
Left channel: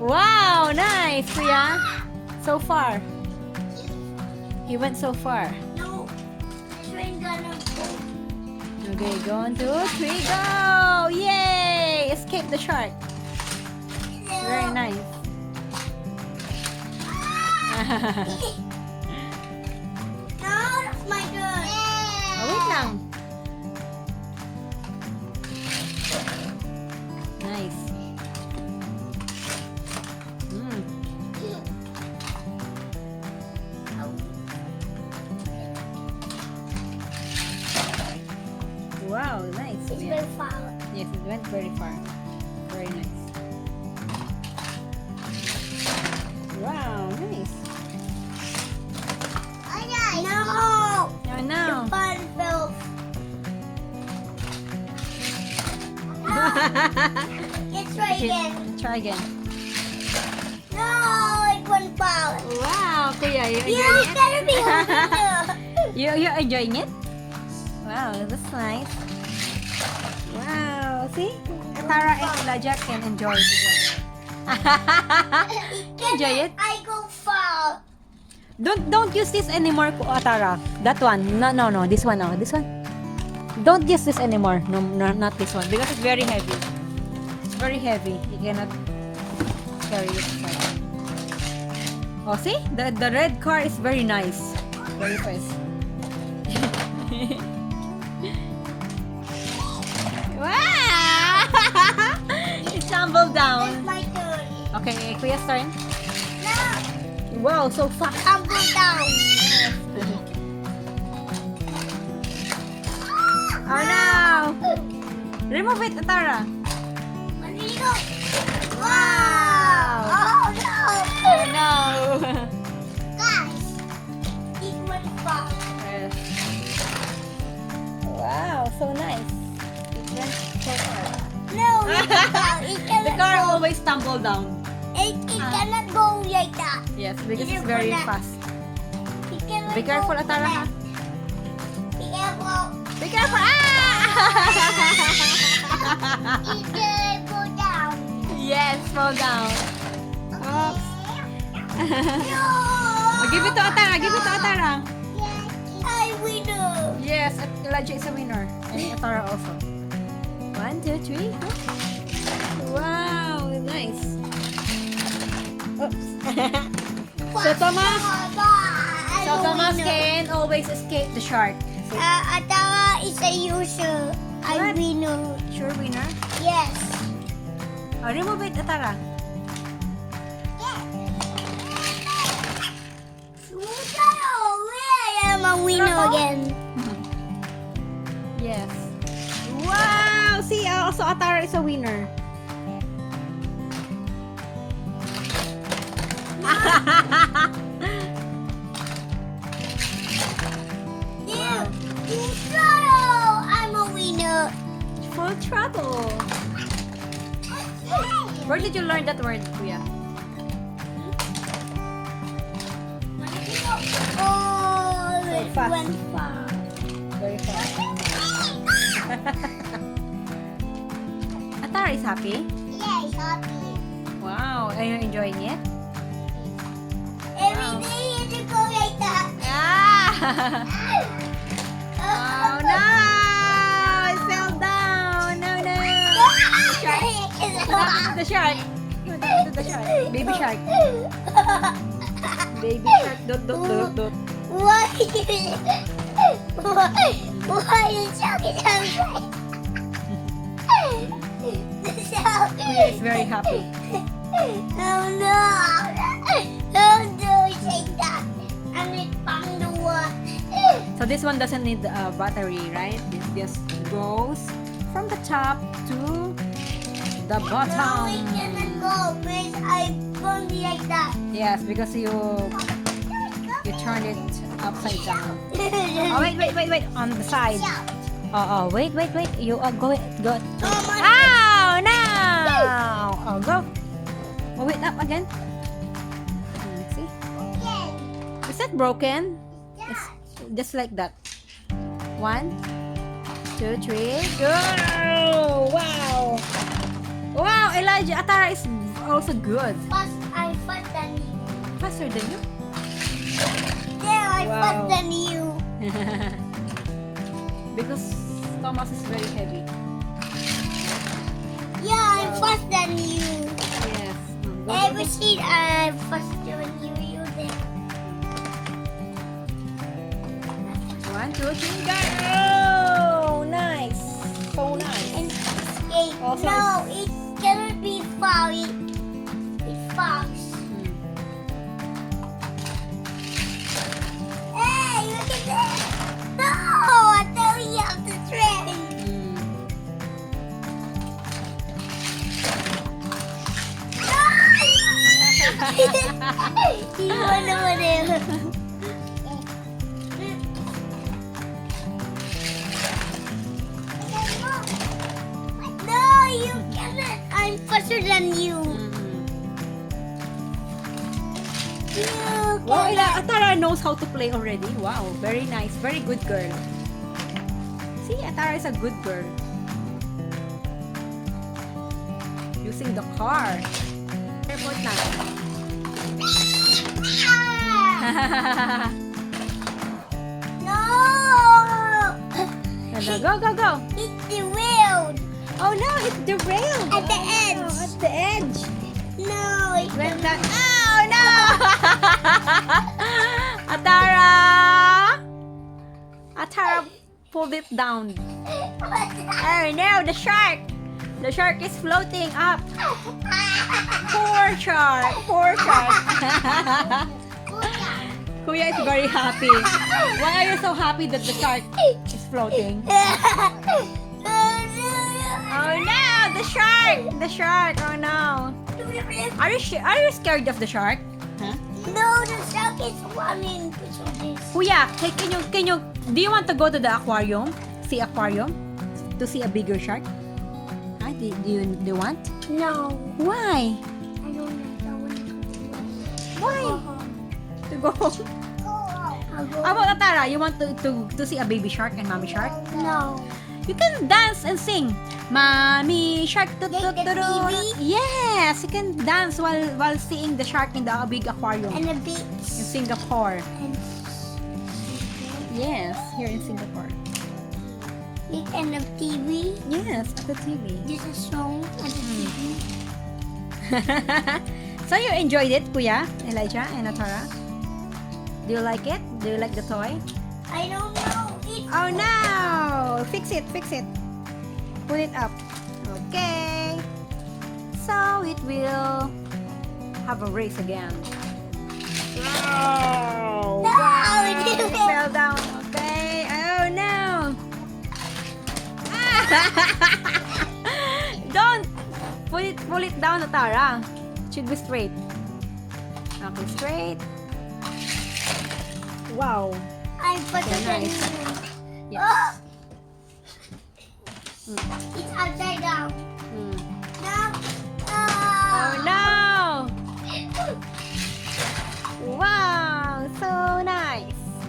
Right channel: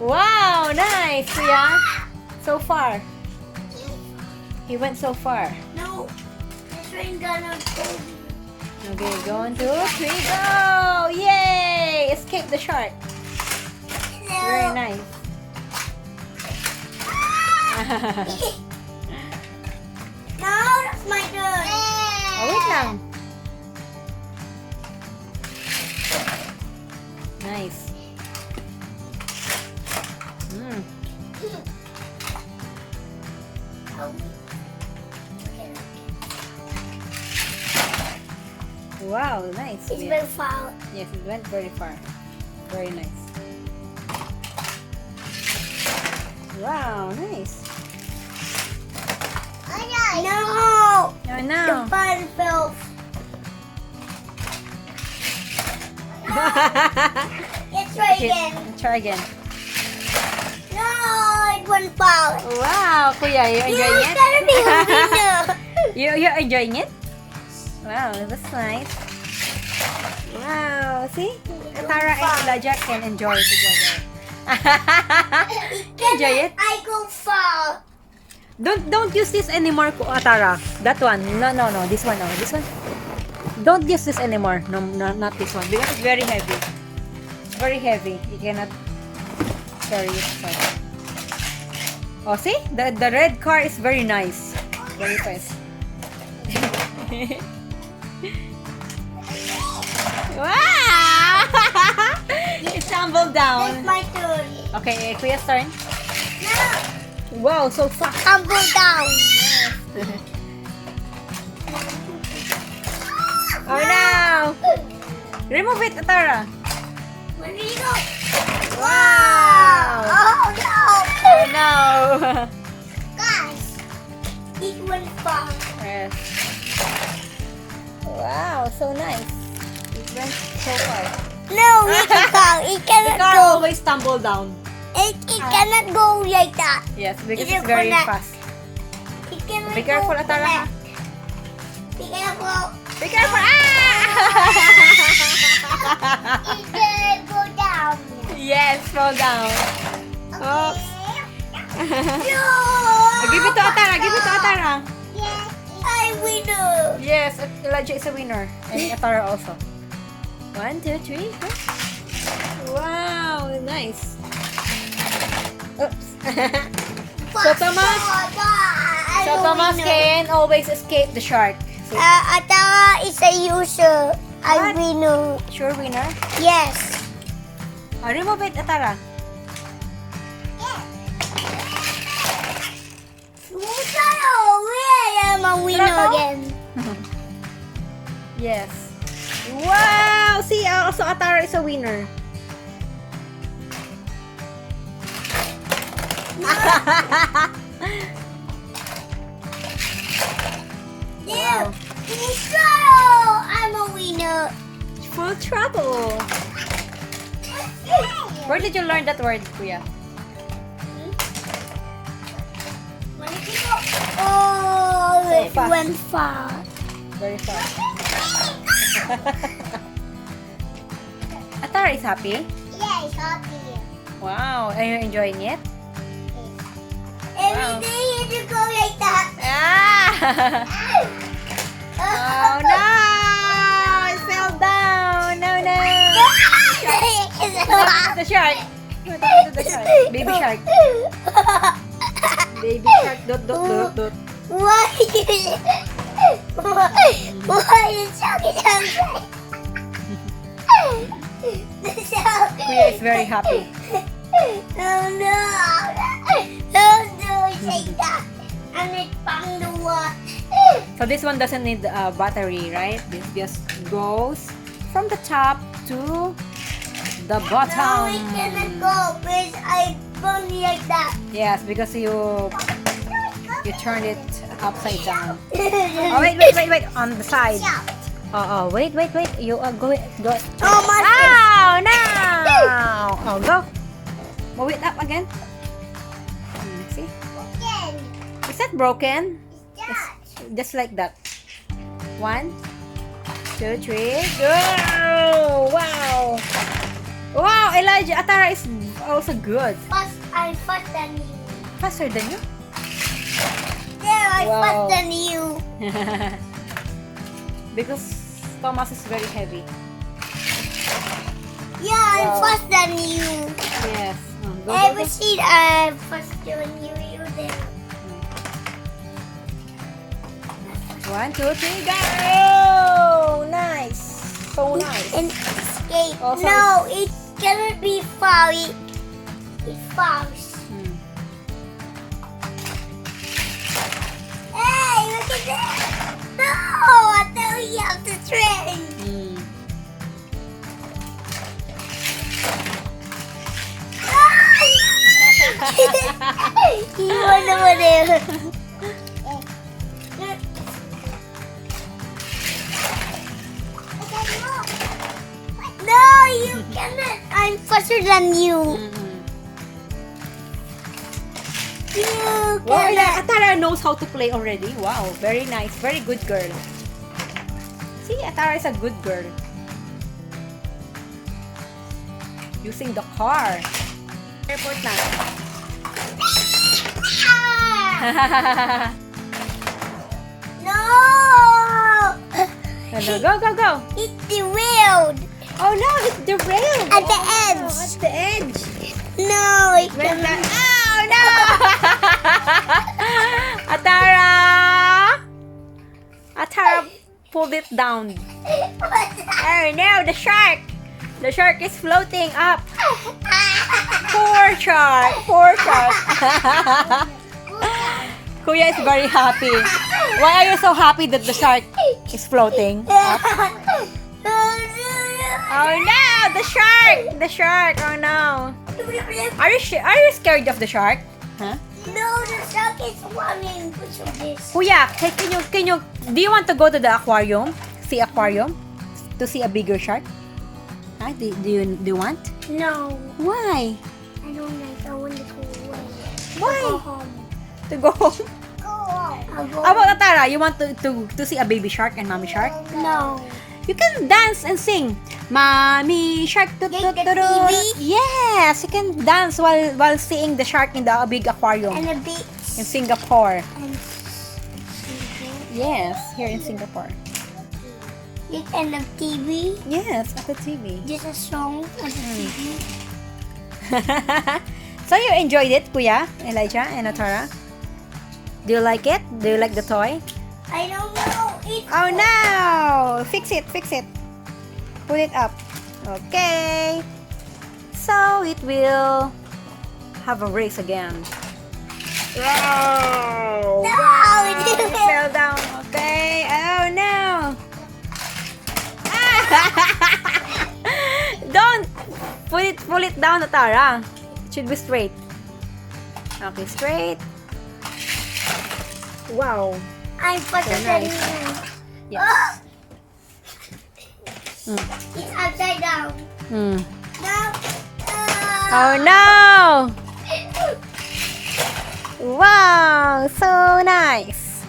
Wow, nice, kuya. So far. He went so far. No. Train gonna go. Okay, 1, 2, 3, go! Yay! Escape the shark. Very No. nice. No, that's my turn. Oh, wait lang. Nice. Mm. Wow, nice. It's Yeah. very far. Yes, it went very far. Very nice. Wow, nice. No. Oh The no. ball fell. Let's try again. Try again. No, it went foul. Wow, kuya, you You enjoying it? gotta be a winner. You're enjoying it? Wow, that's nice. Wow, see? Tara and Elijah can enjoy together. Enjoy it? I go foul. Don't use this anymore, Atara. That one. No. This one. No, this one. Don't use this anymore. No, not this one. Because it's very heavy. Very heavy. You cannot carry it aside. Oh, see? The red car is very nice. Very fast. Wow! It tumbled It's down. my turn. Okay, Kuya's turn. No, Wow, so fast. tumble down. Oh no! Remove it, Atara. Where do you go? Wow! Oh no! Oh no! Guys, it went foul. Yes. Wow, so nice. It went so far. No, it's a car. It The cannot car go. always tumble down. It cannot go like that. Yes, because It it's very cannot. fast. It cannot Be careful, go Atara. left. Be careful. Be careful! Ah! It can go down. Yes, fall down. Oh. No! Give it to Atara. Give it to Atara. Yes, I win. Yes, Elijah is a winner. And Atara also. 1, 2, 3. Go. Wow, nice. Oops. So Thomas can always escape the shark. So, Atarah is a user. I What? win. sure winner. Yes. Oh, remove it, Atara. I am a winner Sarap, oh. again. Yes. Wow! See, also Atara is a winner. Yeah, full throttle. I'm a winner. Full throttle. Where did you learn that word, Kuya? Oh, So it fast. went far. Very fast. Atarah is happy? Yeah, it's happy. Wow, are you enjoying it? Every day you go like that. Ah! Oh no! It fell down! No, no! What happened to the shark? What happened to the shark? Baby shark. Baby shark. Dot, dot, dot, dot. Why? Why is shark outside? The shark. Kuya is very happy. Oh no! Don't do it like that. I'm it from the water. So this one doesn't need a battery, right? This just goes from the top to the No, bottom. it cannot go because I bunged like that. Yes, because you turned it upside down. Oh wait, wait, wait, wait! On the side. Oh, wait, wait, wait! You are going, go. Oh my Oh no! Oh, go. Move it up again. Let's see. Again. Is that broken? That. Just like that. 1, 2, 3, go! Wow! Wow! Elijah Atarah is also good. I'm faster than you. Faster than you? Yeah, I'm Wow. faster than you. Because Thomas is very heavy. Yeah, I'm Wow. faster than you. Yes. Go, go, Ever go. seen I'm faster than you? You there. 1, 2, 3, go! Nice. So nice. And escape. Also, No, it cannot be far. It falls. Hmm. Hey, look at that. No, I thought you have to train. Hmm. You went over there. No, you cannot. I'm faster than you. Mhm. You Wow, cannot. Atarah knows how to play already. Wow, very nice. Very good girl. See, Atarah is a good girl. Using the car. Airport na. Ah! No! Hello, go, go, go. It's the wheel Oh no, it's the rail. at the Oh, edge. at the edge. No, it Went cannot. down. Oh no! Atarah! Atarah pulled it down. Oh no, the shark! The shark is floating up. Poor shark! Poor shark! Kuya is very happy. Why are you so happy that the shark is floating? Oh no! The shark! The shark! Oh no! Are you scared of the shark? Huh? No, the shark is running because of this. Kuya, can you do you want to go to the aquarium? See aquarium? To see a bigger shark? Huh? Do you want? No, Why? I don't know. I want to go away. Why? Go home. To go home? Go home. I'll go. How about Atarah? You want to see a baby shark and mommy shark? No. You can dance and sing. Mommy shark. Like the TV? Yes, you can dance while seeing the shark in the big aquarium And a bit. in Singapore. And Yes, here in Singapore. big and a TV. Yes, at the TV. Just a song on the TV. So you enjoyed it, Kuya, Elijah and Atarah? Do you like it? Do you like the toy? I don't know. It's Oh no! Fix it, fix it. Put it up. Okay. So it will have a race again. Wow! No, Wow, it it didn't. fell down. Okay. Oh no! Don't pull it down, Atarah. It should be straight. Okay, straight. Wow. I'm faster So than nice. you. Yes. It's upside down. Mm. Now. Oh no! Wow, so nice.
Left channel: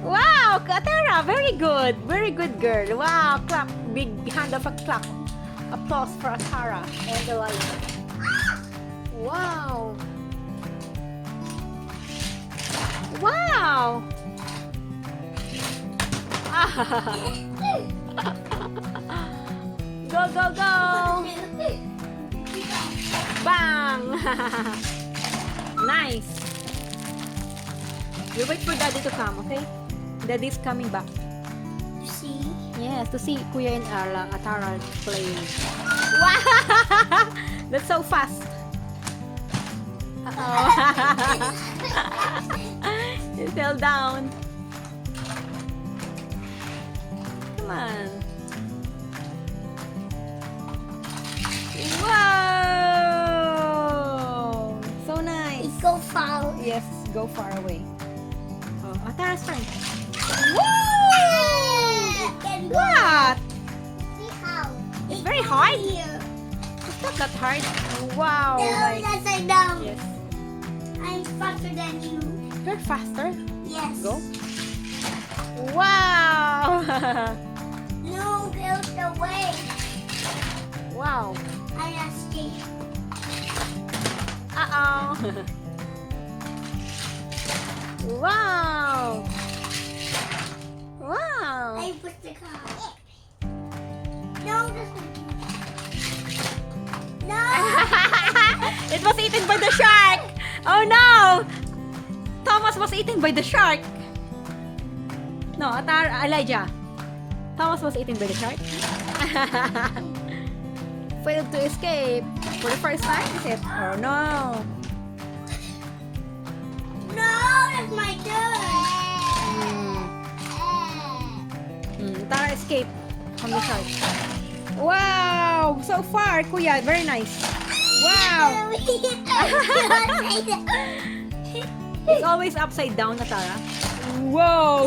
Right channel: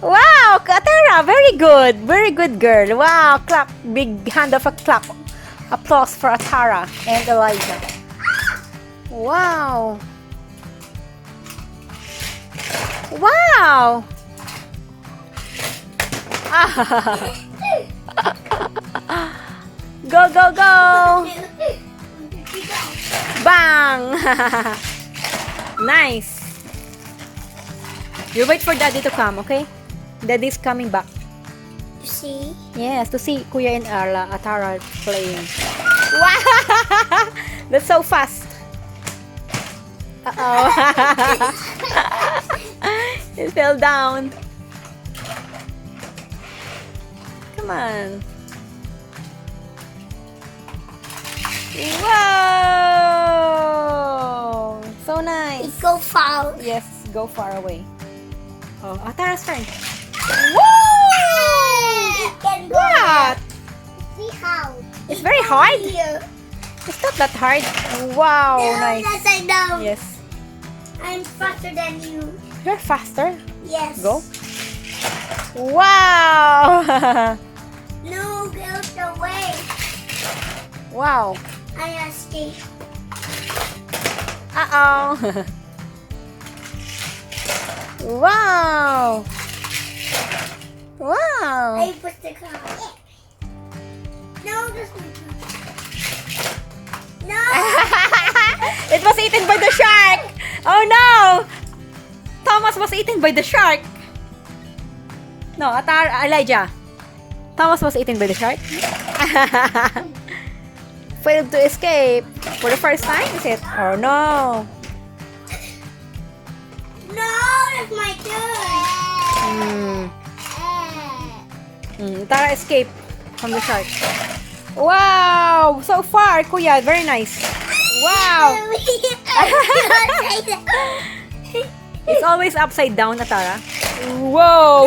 Wow, Atarah, very good girl. Wow, clap, big hand of a clap. Applause for Atarah and Elijah. Wow. Wow. Go, go, go. Bang! Nice. You wait for Daddy to come, okay? Daddy's coming back. You see? Yes, to see Kuya and Atarah playing. Wow! That's so fast. Uh-oh. It fell down. Come on. Wow! So nice. It go far. Yes, go far away. Oh, Atarah's turn. It can go. What? See how? It's very hard. Here. It's not that hard. Wow, No, nice. upside down. Yes. I'm faster than you. You're faster. Yes. Go. Wow! No, go the way. Wow. I escape. Uh-oh. Wow. Wow. I put the car. No, this one. No. It was eaten by the shark. Oh no! Thomas was eaten by the shark. No, Elijah. Thomas was eaten by the shark. Failed to escape for the first time, is it? Oh no. No, that's my turn. Atarah escaped from the shark. Wow! So far, Kuya. Very nice. Wow! It's always upside down, Atarah. Whoa!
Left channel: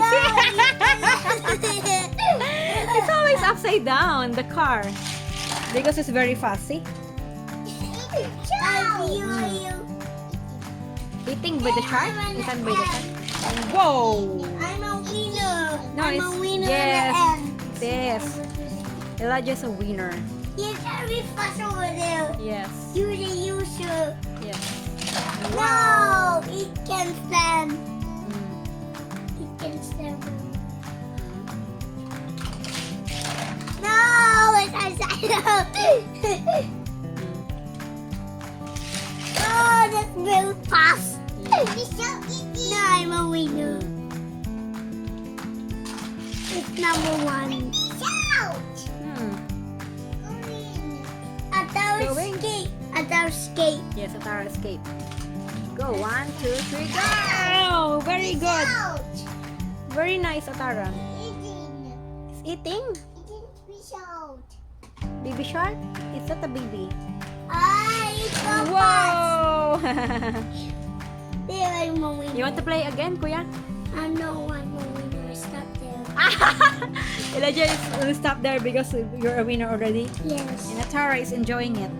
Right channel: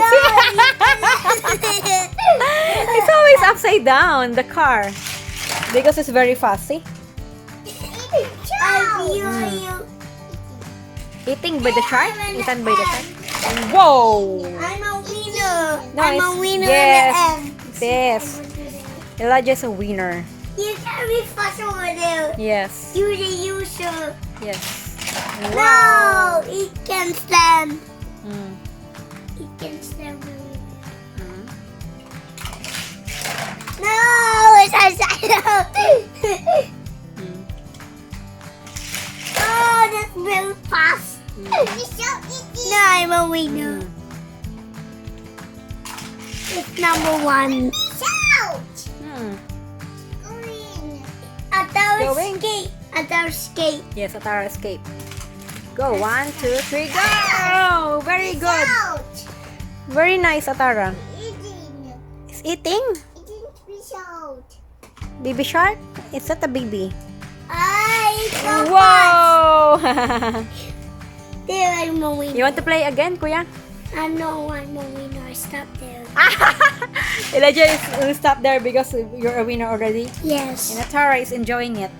It's always upside down, the car. Because it's very fast, see? Eating by the shark? Eaten by the shark? Whoa! I'm a winner. No, I'm a it's- winner yes. in the end. Yes. Elijah's a winner. You can be fast over there. Yes. You're the user. Yes. No, it can stand. Mm. It can stand. Mm. No, it's upside down. Mm. Oh, that's very fast. Mm. No, I'm a winner. Mm. It's number one. Mm. Atarah Going. skate. Atarah skate. Yes, Atarah escape. Go. 1, 2, 3, go! Very good. Very nice, Atarah. It's eating? Baby shark? It's not a baby. It's so fast. Whoa! There, I'm a winner. You want to play again, Kuya? I'm no one a winner. Stop there. Elijah will stop there because you're a winner already. Yes. And Atarah is enjoying it.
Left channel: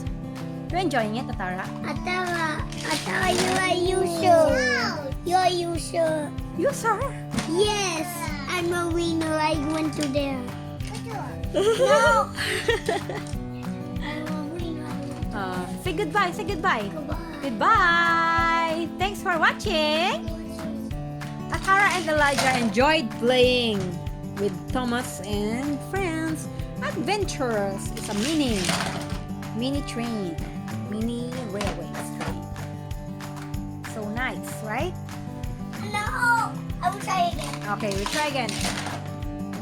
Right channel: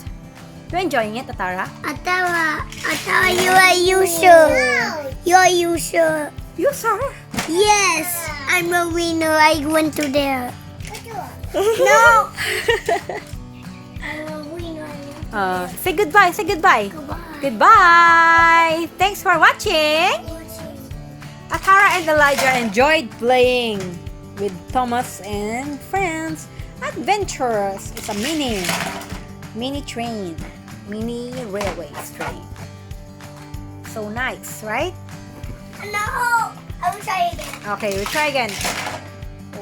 You enjoying it, Atarah? Atarah, you are user. You are user. You, sir? Yes, I'm a winner. I went to there. No! I'm a winner. Say goodbye. Say goodbye. Goodbye. Goodbye. Thanks for watching. Atarah and Elijah enjoyed playing with Thomas and friends. Adventurous. It's a mini train. Mini railway train. So nice, right? No, I will try again. Okay, we'll try again.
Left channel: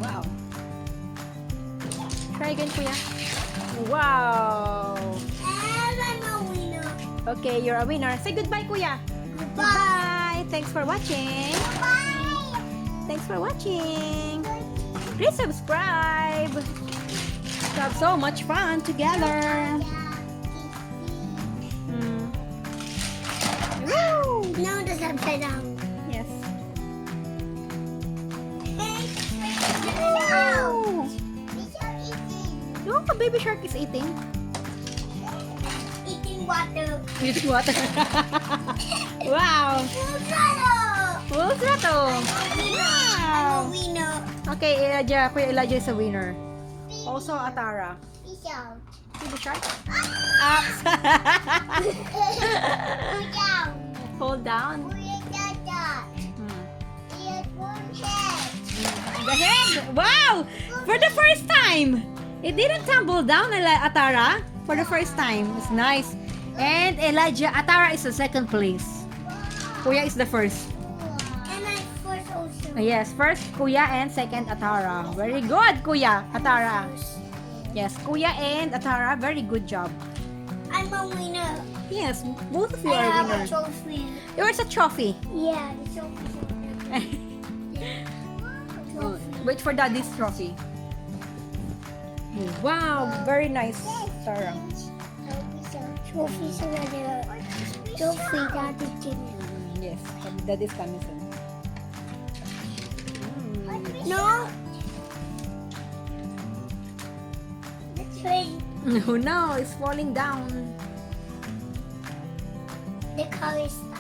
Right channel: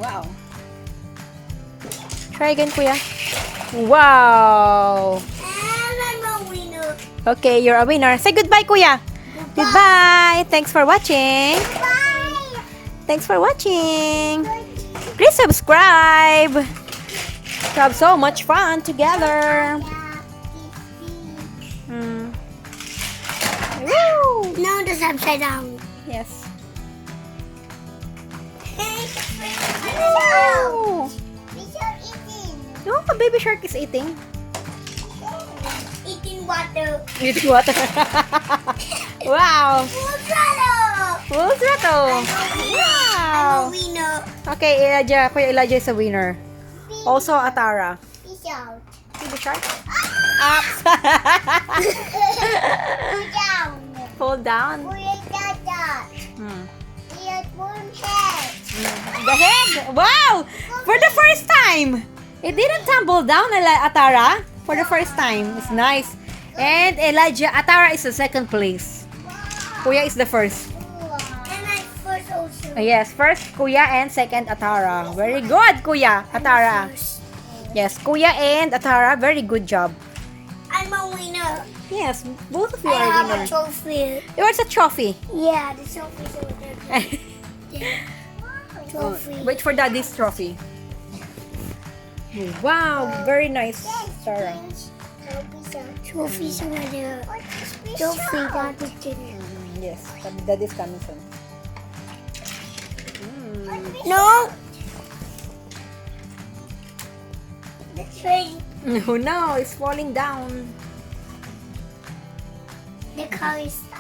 Wow. Try again, Kuya. Wow. And I'm a winner. Okay, you're a winner. Say goodbye, Kuya. Goodbye. Thanks for watching. Bye. Thanks for watching. Please subscribe. We have so much fun together. No, that's upside down. Yes. No. Oh! No, a baby shark is eating. Eating water. Eating water. Wow! Full throttle! Wow! I'm a winner. Okay, Elijah, Kuya Elijah is a winner. Also, Atarah. Peace out. Baby shark? Up! Down. Fall down. Hmm. The head! Wow! For the first time! It didn't tumble down, Atarah. For the first time. It's nice. And Elijah, Atarah is the second place. Kuya is the first. And I first also. Yes, first Kuya and second Atarah. Very good, Kuya, Atarah. Yes, Kuya and Atarah, very good job. I'm a winner. Yes, both of you I are have a winners. trophy. Yours a trophy. Yeah, the trophy's over there. Trophy. Wait for Daddy's trophy. Wow, very nice, Sarah. Trophy's over there. Trophy, Daddy's getting. Yes, Daddy's coming soon. No. The train. Oh no, it's falling down. The car is stuck.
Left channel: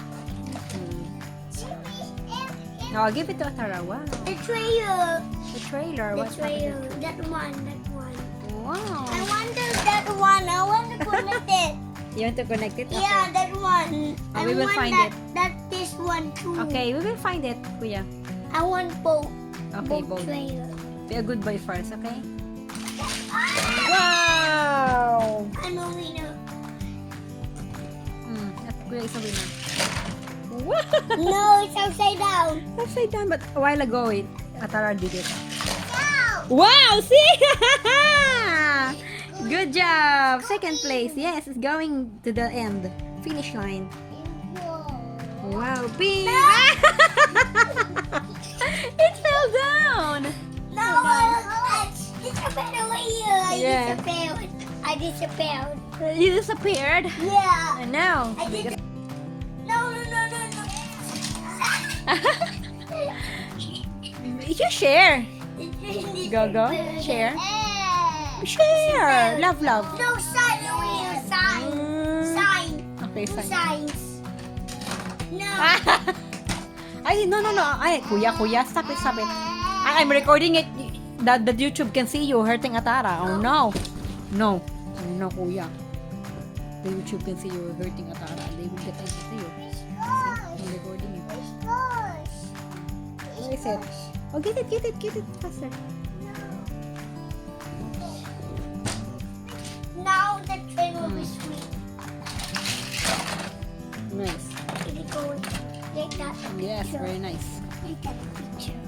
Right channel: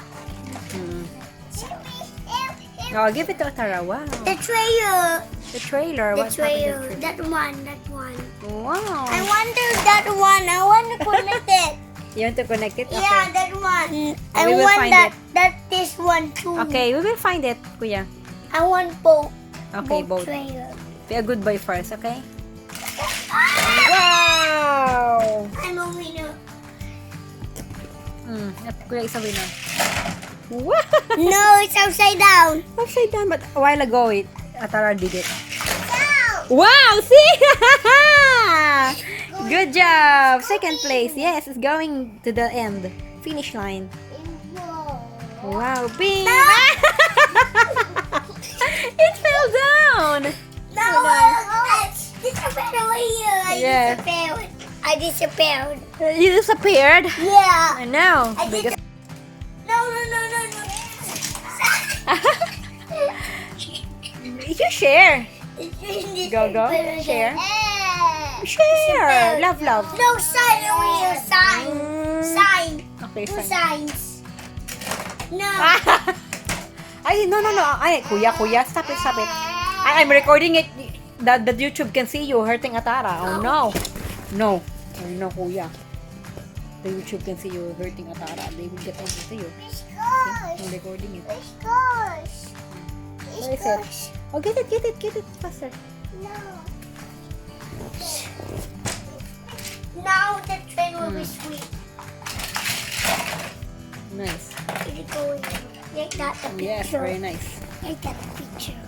Oh, give it to Atarah. Wow. The trailer. The trailer. The What's trailer. happening? That one. That one. Wow. I want to that one. I want to connect it. You want to connect it? Okay. Yeah, that one. I we will want find that. it. That this one too. Okay, we will find it, Kuya. I want both. Okay, both. Trailer. Be a good boy first, okay? Wow! I'm a winner. Kuya is a winner. Wow! No, it's upside down. Upside down, but a while ago, Atarah did it. No. Wow! See? Good job! Second place. Yes, it's going to the end. Finish line. Wow! Bing! It fell down! No, I disappeared away here. Yeah. I disappeared. You disappeared? Yeah. I know. I did. No. You share. Go. Share. Share. Love. No sign over here. Sign. Sign. Okay, Two fine. signs. No. Ay, no. Ay, Kuya, stop it. I'm recording it that the YouTube can see you hurting Atarah. Oh, no. No, Kuya. The YouTube can see you hurting Atarah. They will get on to see you. I'm recording it. Where is it? Oh, get it faster. Now the train will be sweet. Nice. Is it going? Take that the picture. Yes, very nice. Take that picture.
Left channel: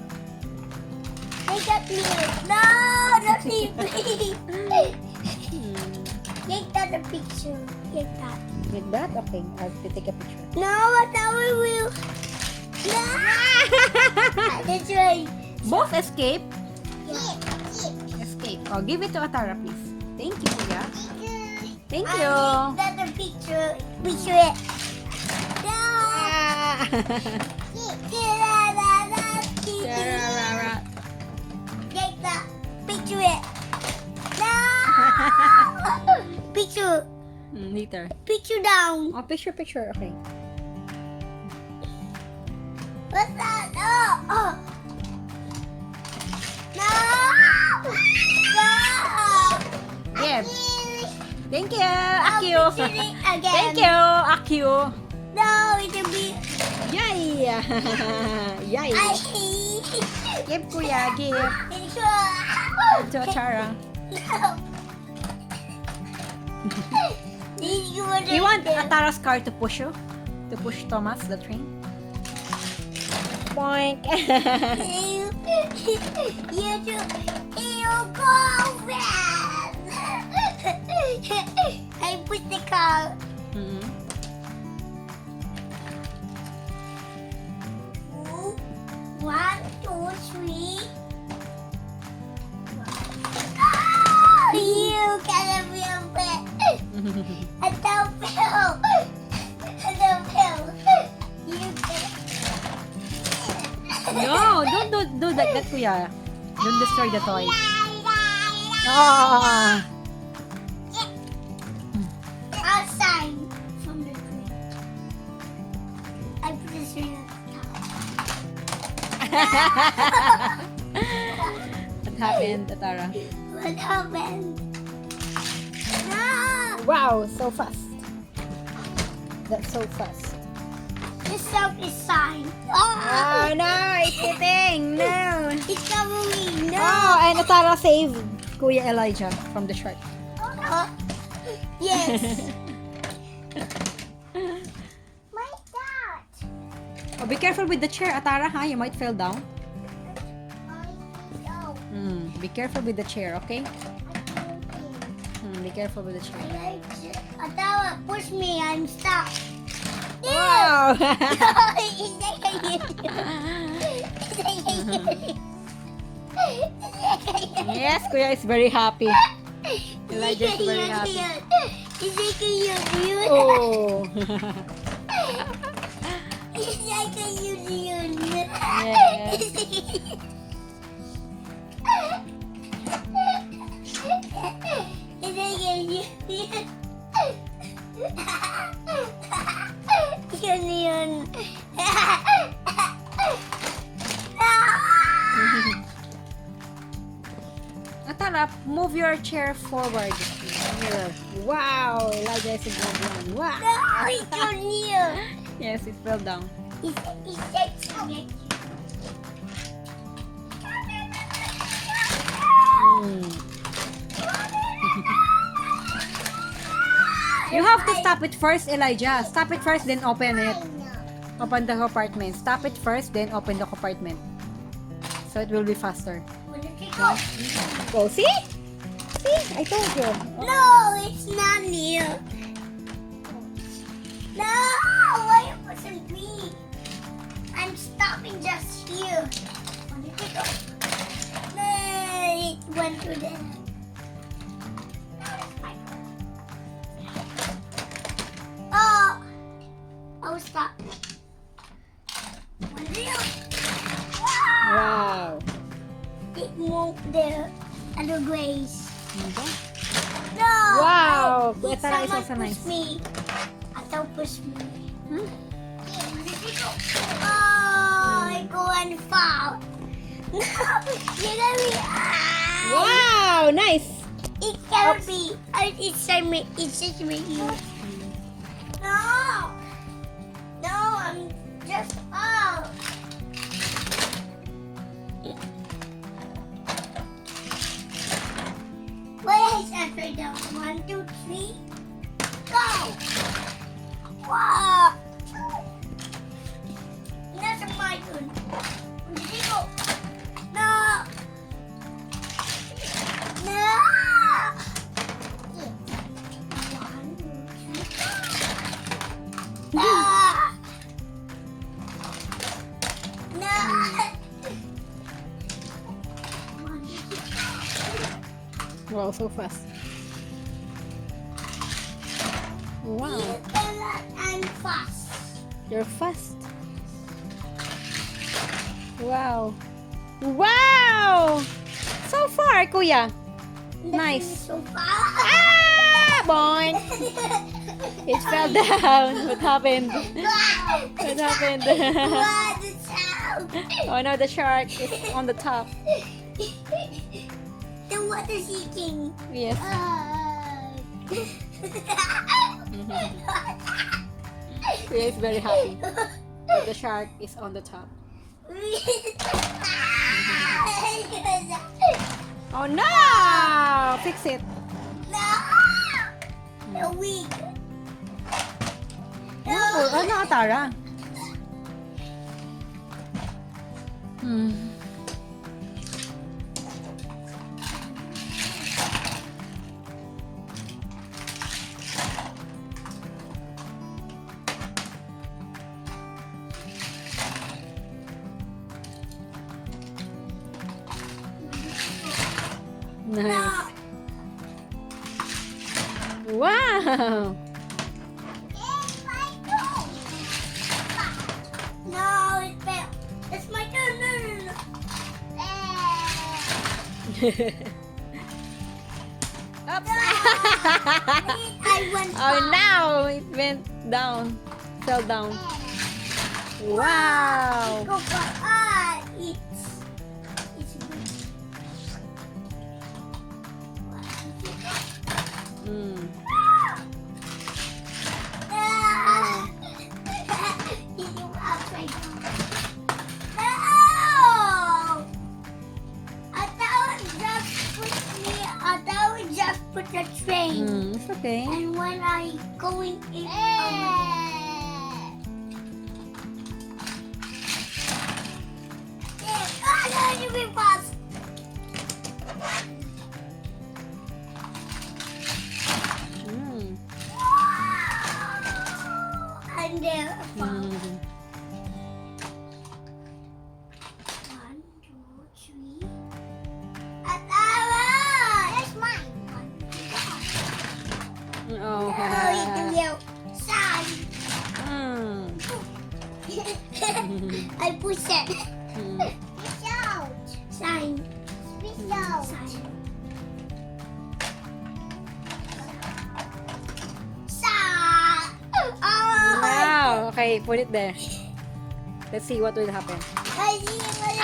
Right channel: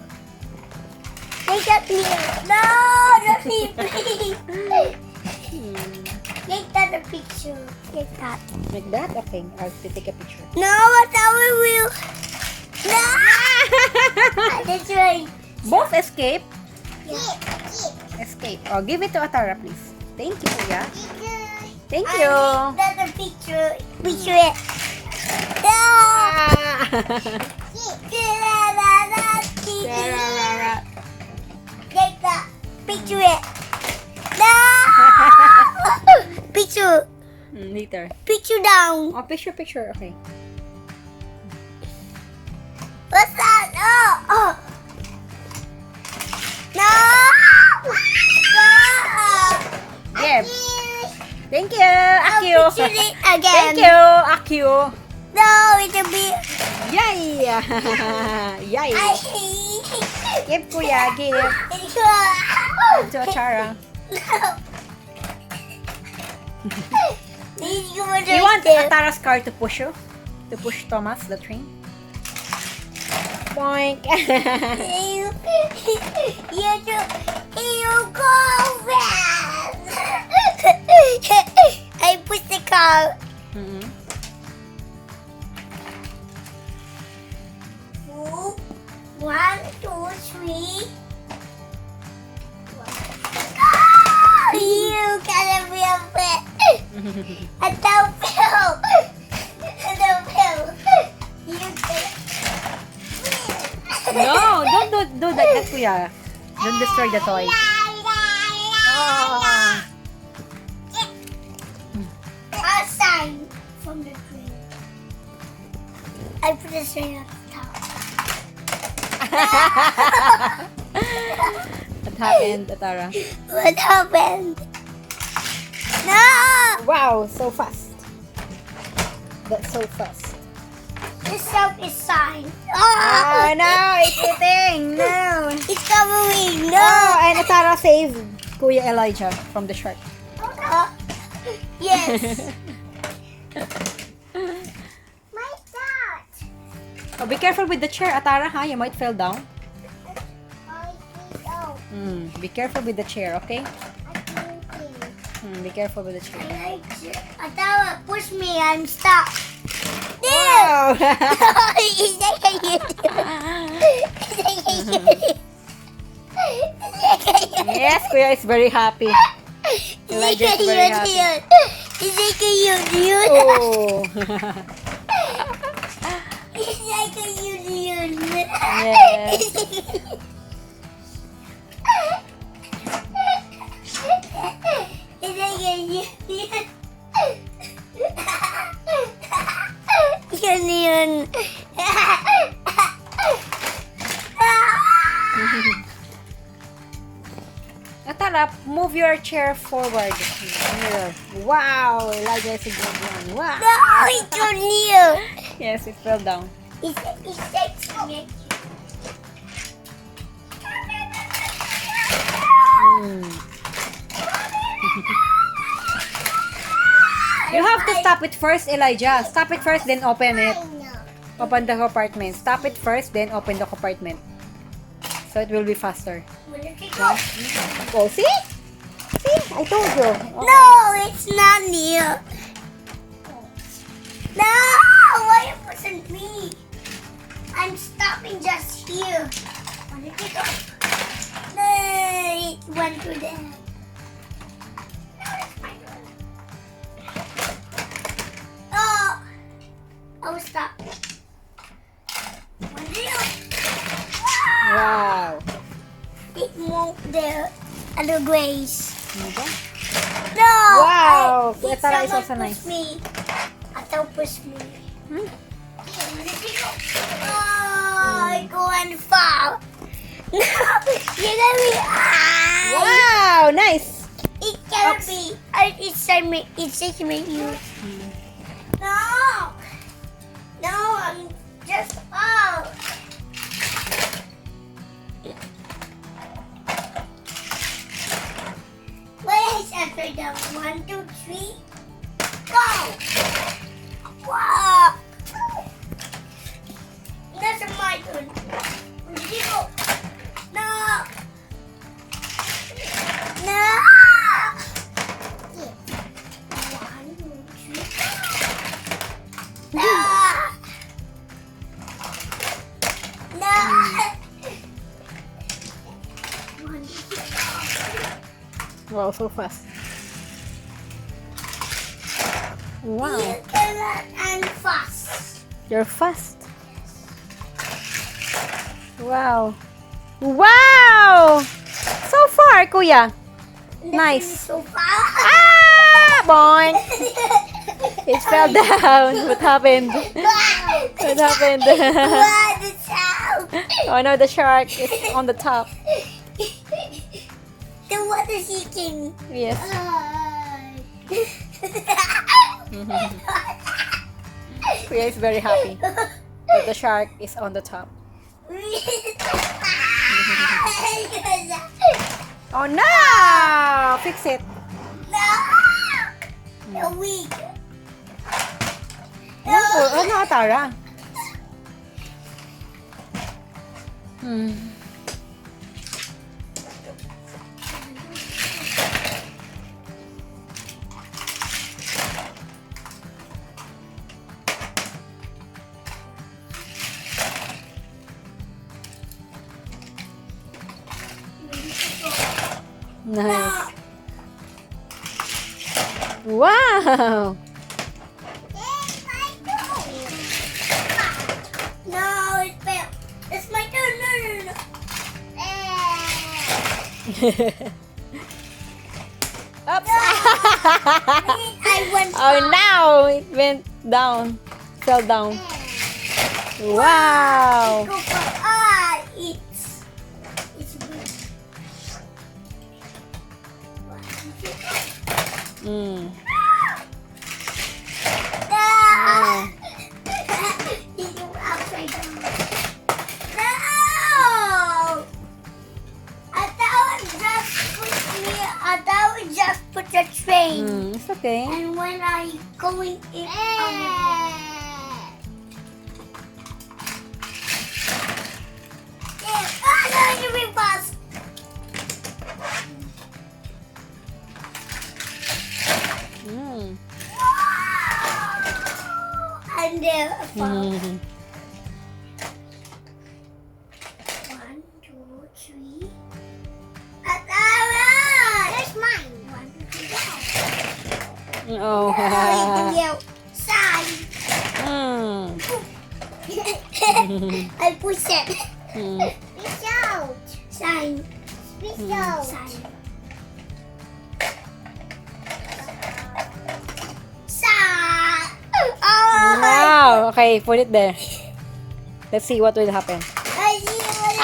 Take that mirror. No, not me, please. Take that the picture. Take that. Like that? Okay, I'll take a picture. No, but now we will. No. That's right. Both escape. Yeah. Escape. Oh, give it to Atarah, please. Thank you, Kuya. Thank I you. need that the picture. Picture it. No. Take that. Picture it. No. Picture. Later. Picture down. Oh, picture. Okay. What's that? Oh. No. Give. Thank you, Akio. Picture it again. Thank you, Akio. No, it's a bit. Yay! Yay! I Give, Kuya. Give. To Atarah. You want Atarah's car to push you? To push Thomas, the train? Boink! You go fast. I push the car. Mhm. 1, 2, 3. You gotta be a bit. I don't feel. No, don't do like that, Kuya. Don't destroy the toy. Oh. Outside from the tree. I put this right on top. What happened, Atarah? What happened? No! Wow, so fast. That's so fast. This soap is signed. Oh no, it's eating. No. It's covering. No! Oh, and Atarah saved Kuya Elijah from the shark. Yes. My dad. Oh, be careful with the chair, Atarah, huh? You might fall down. Oh, Be careful with the chair, okay? Be careful with the chair. Atarah, push me. I'm stuck. Wow! Is that a Yes, Kuya is very happy. Elijah is very happy. Is it cute? Oh! It's like a union. Yes. It's like a union. Union. Atarah, move your chair forward. Here. Wow! Elijah is a good one. Wow! No, it's too near. Yes, it fell down. It's like me. You have to stop it first, Elijah. Stop it first, then open it. Open the compartment. Stop it first, then open the compartment. So it will be faster. Oh, see? See? I told you. Oh. No, it's not near. No, why you pushing me? I'm stopping just here. Where did it go? No, it went to there. Now it's my turn. Oh, I was stuck. One deal. Wow. It moved there. Other grace. Okay. No. Wow. Did Atarah is someone also push nice. me? Atarah push me. Hmm? Oh, I go and fall. No, you're gonna be. Wow, nice. It can't be. It's me. You. No. No, I'm just out. Where is upside down? 1, 2, 3. Go. Wow. That's my turn. Where did you go? No. No. 1, 2, 3. No. No. 1, 2, 3. Wow, so fast. Wow. You cannot and fast. You're fast. Wow. Wow! So far, Kuya. Nice. So far. Ah! Boing! It fell down. What happened? What happened? What is out? Oh no, the shark is on the top. The water seeking. Yes. Kuya is very happy. But the shark is on the top. Oh no! Fix it. No! The weak. Ano, Atarah? Nice. Wow! No, it fell. It's my turn. No. Oops. I went Oh, now it went down. Fell down. Wow. go for it's weird. Mm. Ah! You upside down. No! I thought just put the train. It's okay. And when I going in, no, you fast. Mm. And there, Mm. 1, 2, 3. Atarah! That's mine. 1, 2, 3. Oh. Yeah. Sign. I push it. Fish out. Sign. Fish out. Sign. Sign. Oh. Wow. Okay, put it there. Let's see what will happen. I see what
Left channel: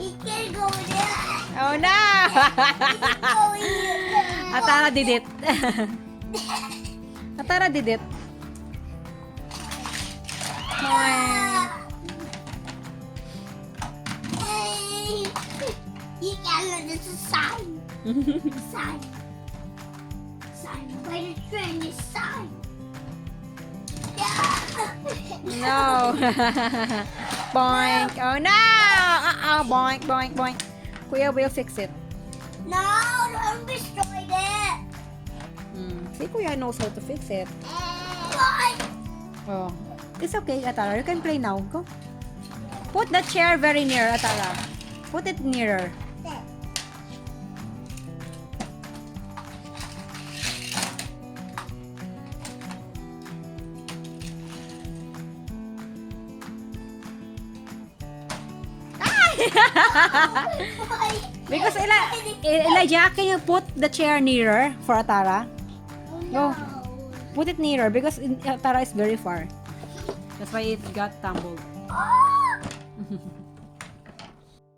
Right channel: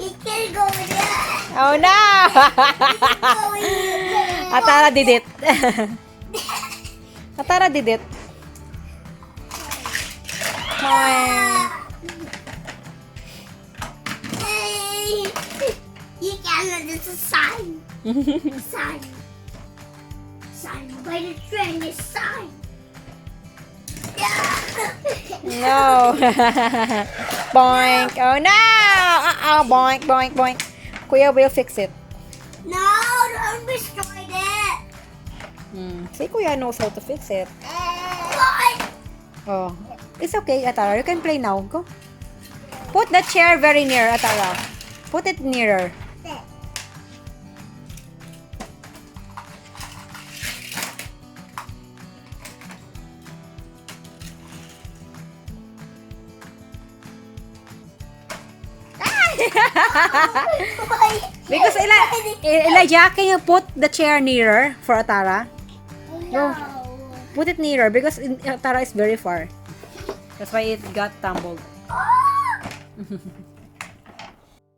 it can go there. Oh no! Go here. Atarah did it. Atarah did it. Hey. You can't. This is a sign. Sign. Sign. By the train is sign. No. Boink. Oh no! Uh-oh. Boink, boink, boink. Kuya will fix it. No, don't destroy that. See, Kuya knows how to fix it. Why? Oh. It's okay, Atarah. You can play now. Go. Put the chair very near, Atarah. Put it nearer. Why? Because Elijah, can you put the chair nearer for Atarah? No. Put it nearer because Atarah is very far. That's why it got tumbled. Oh!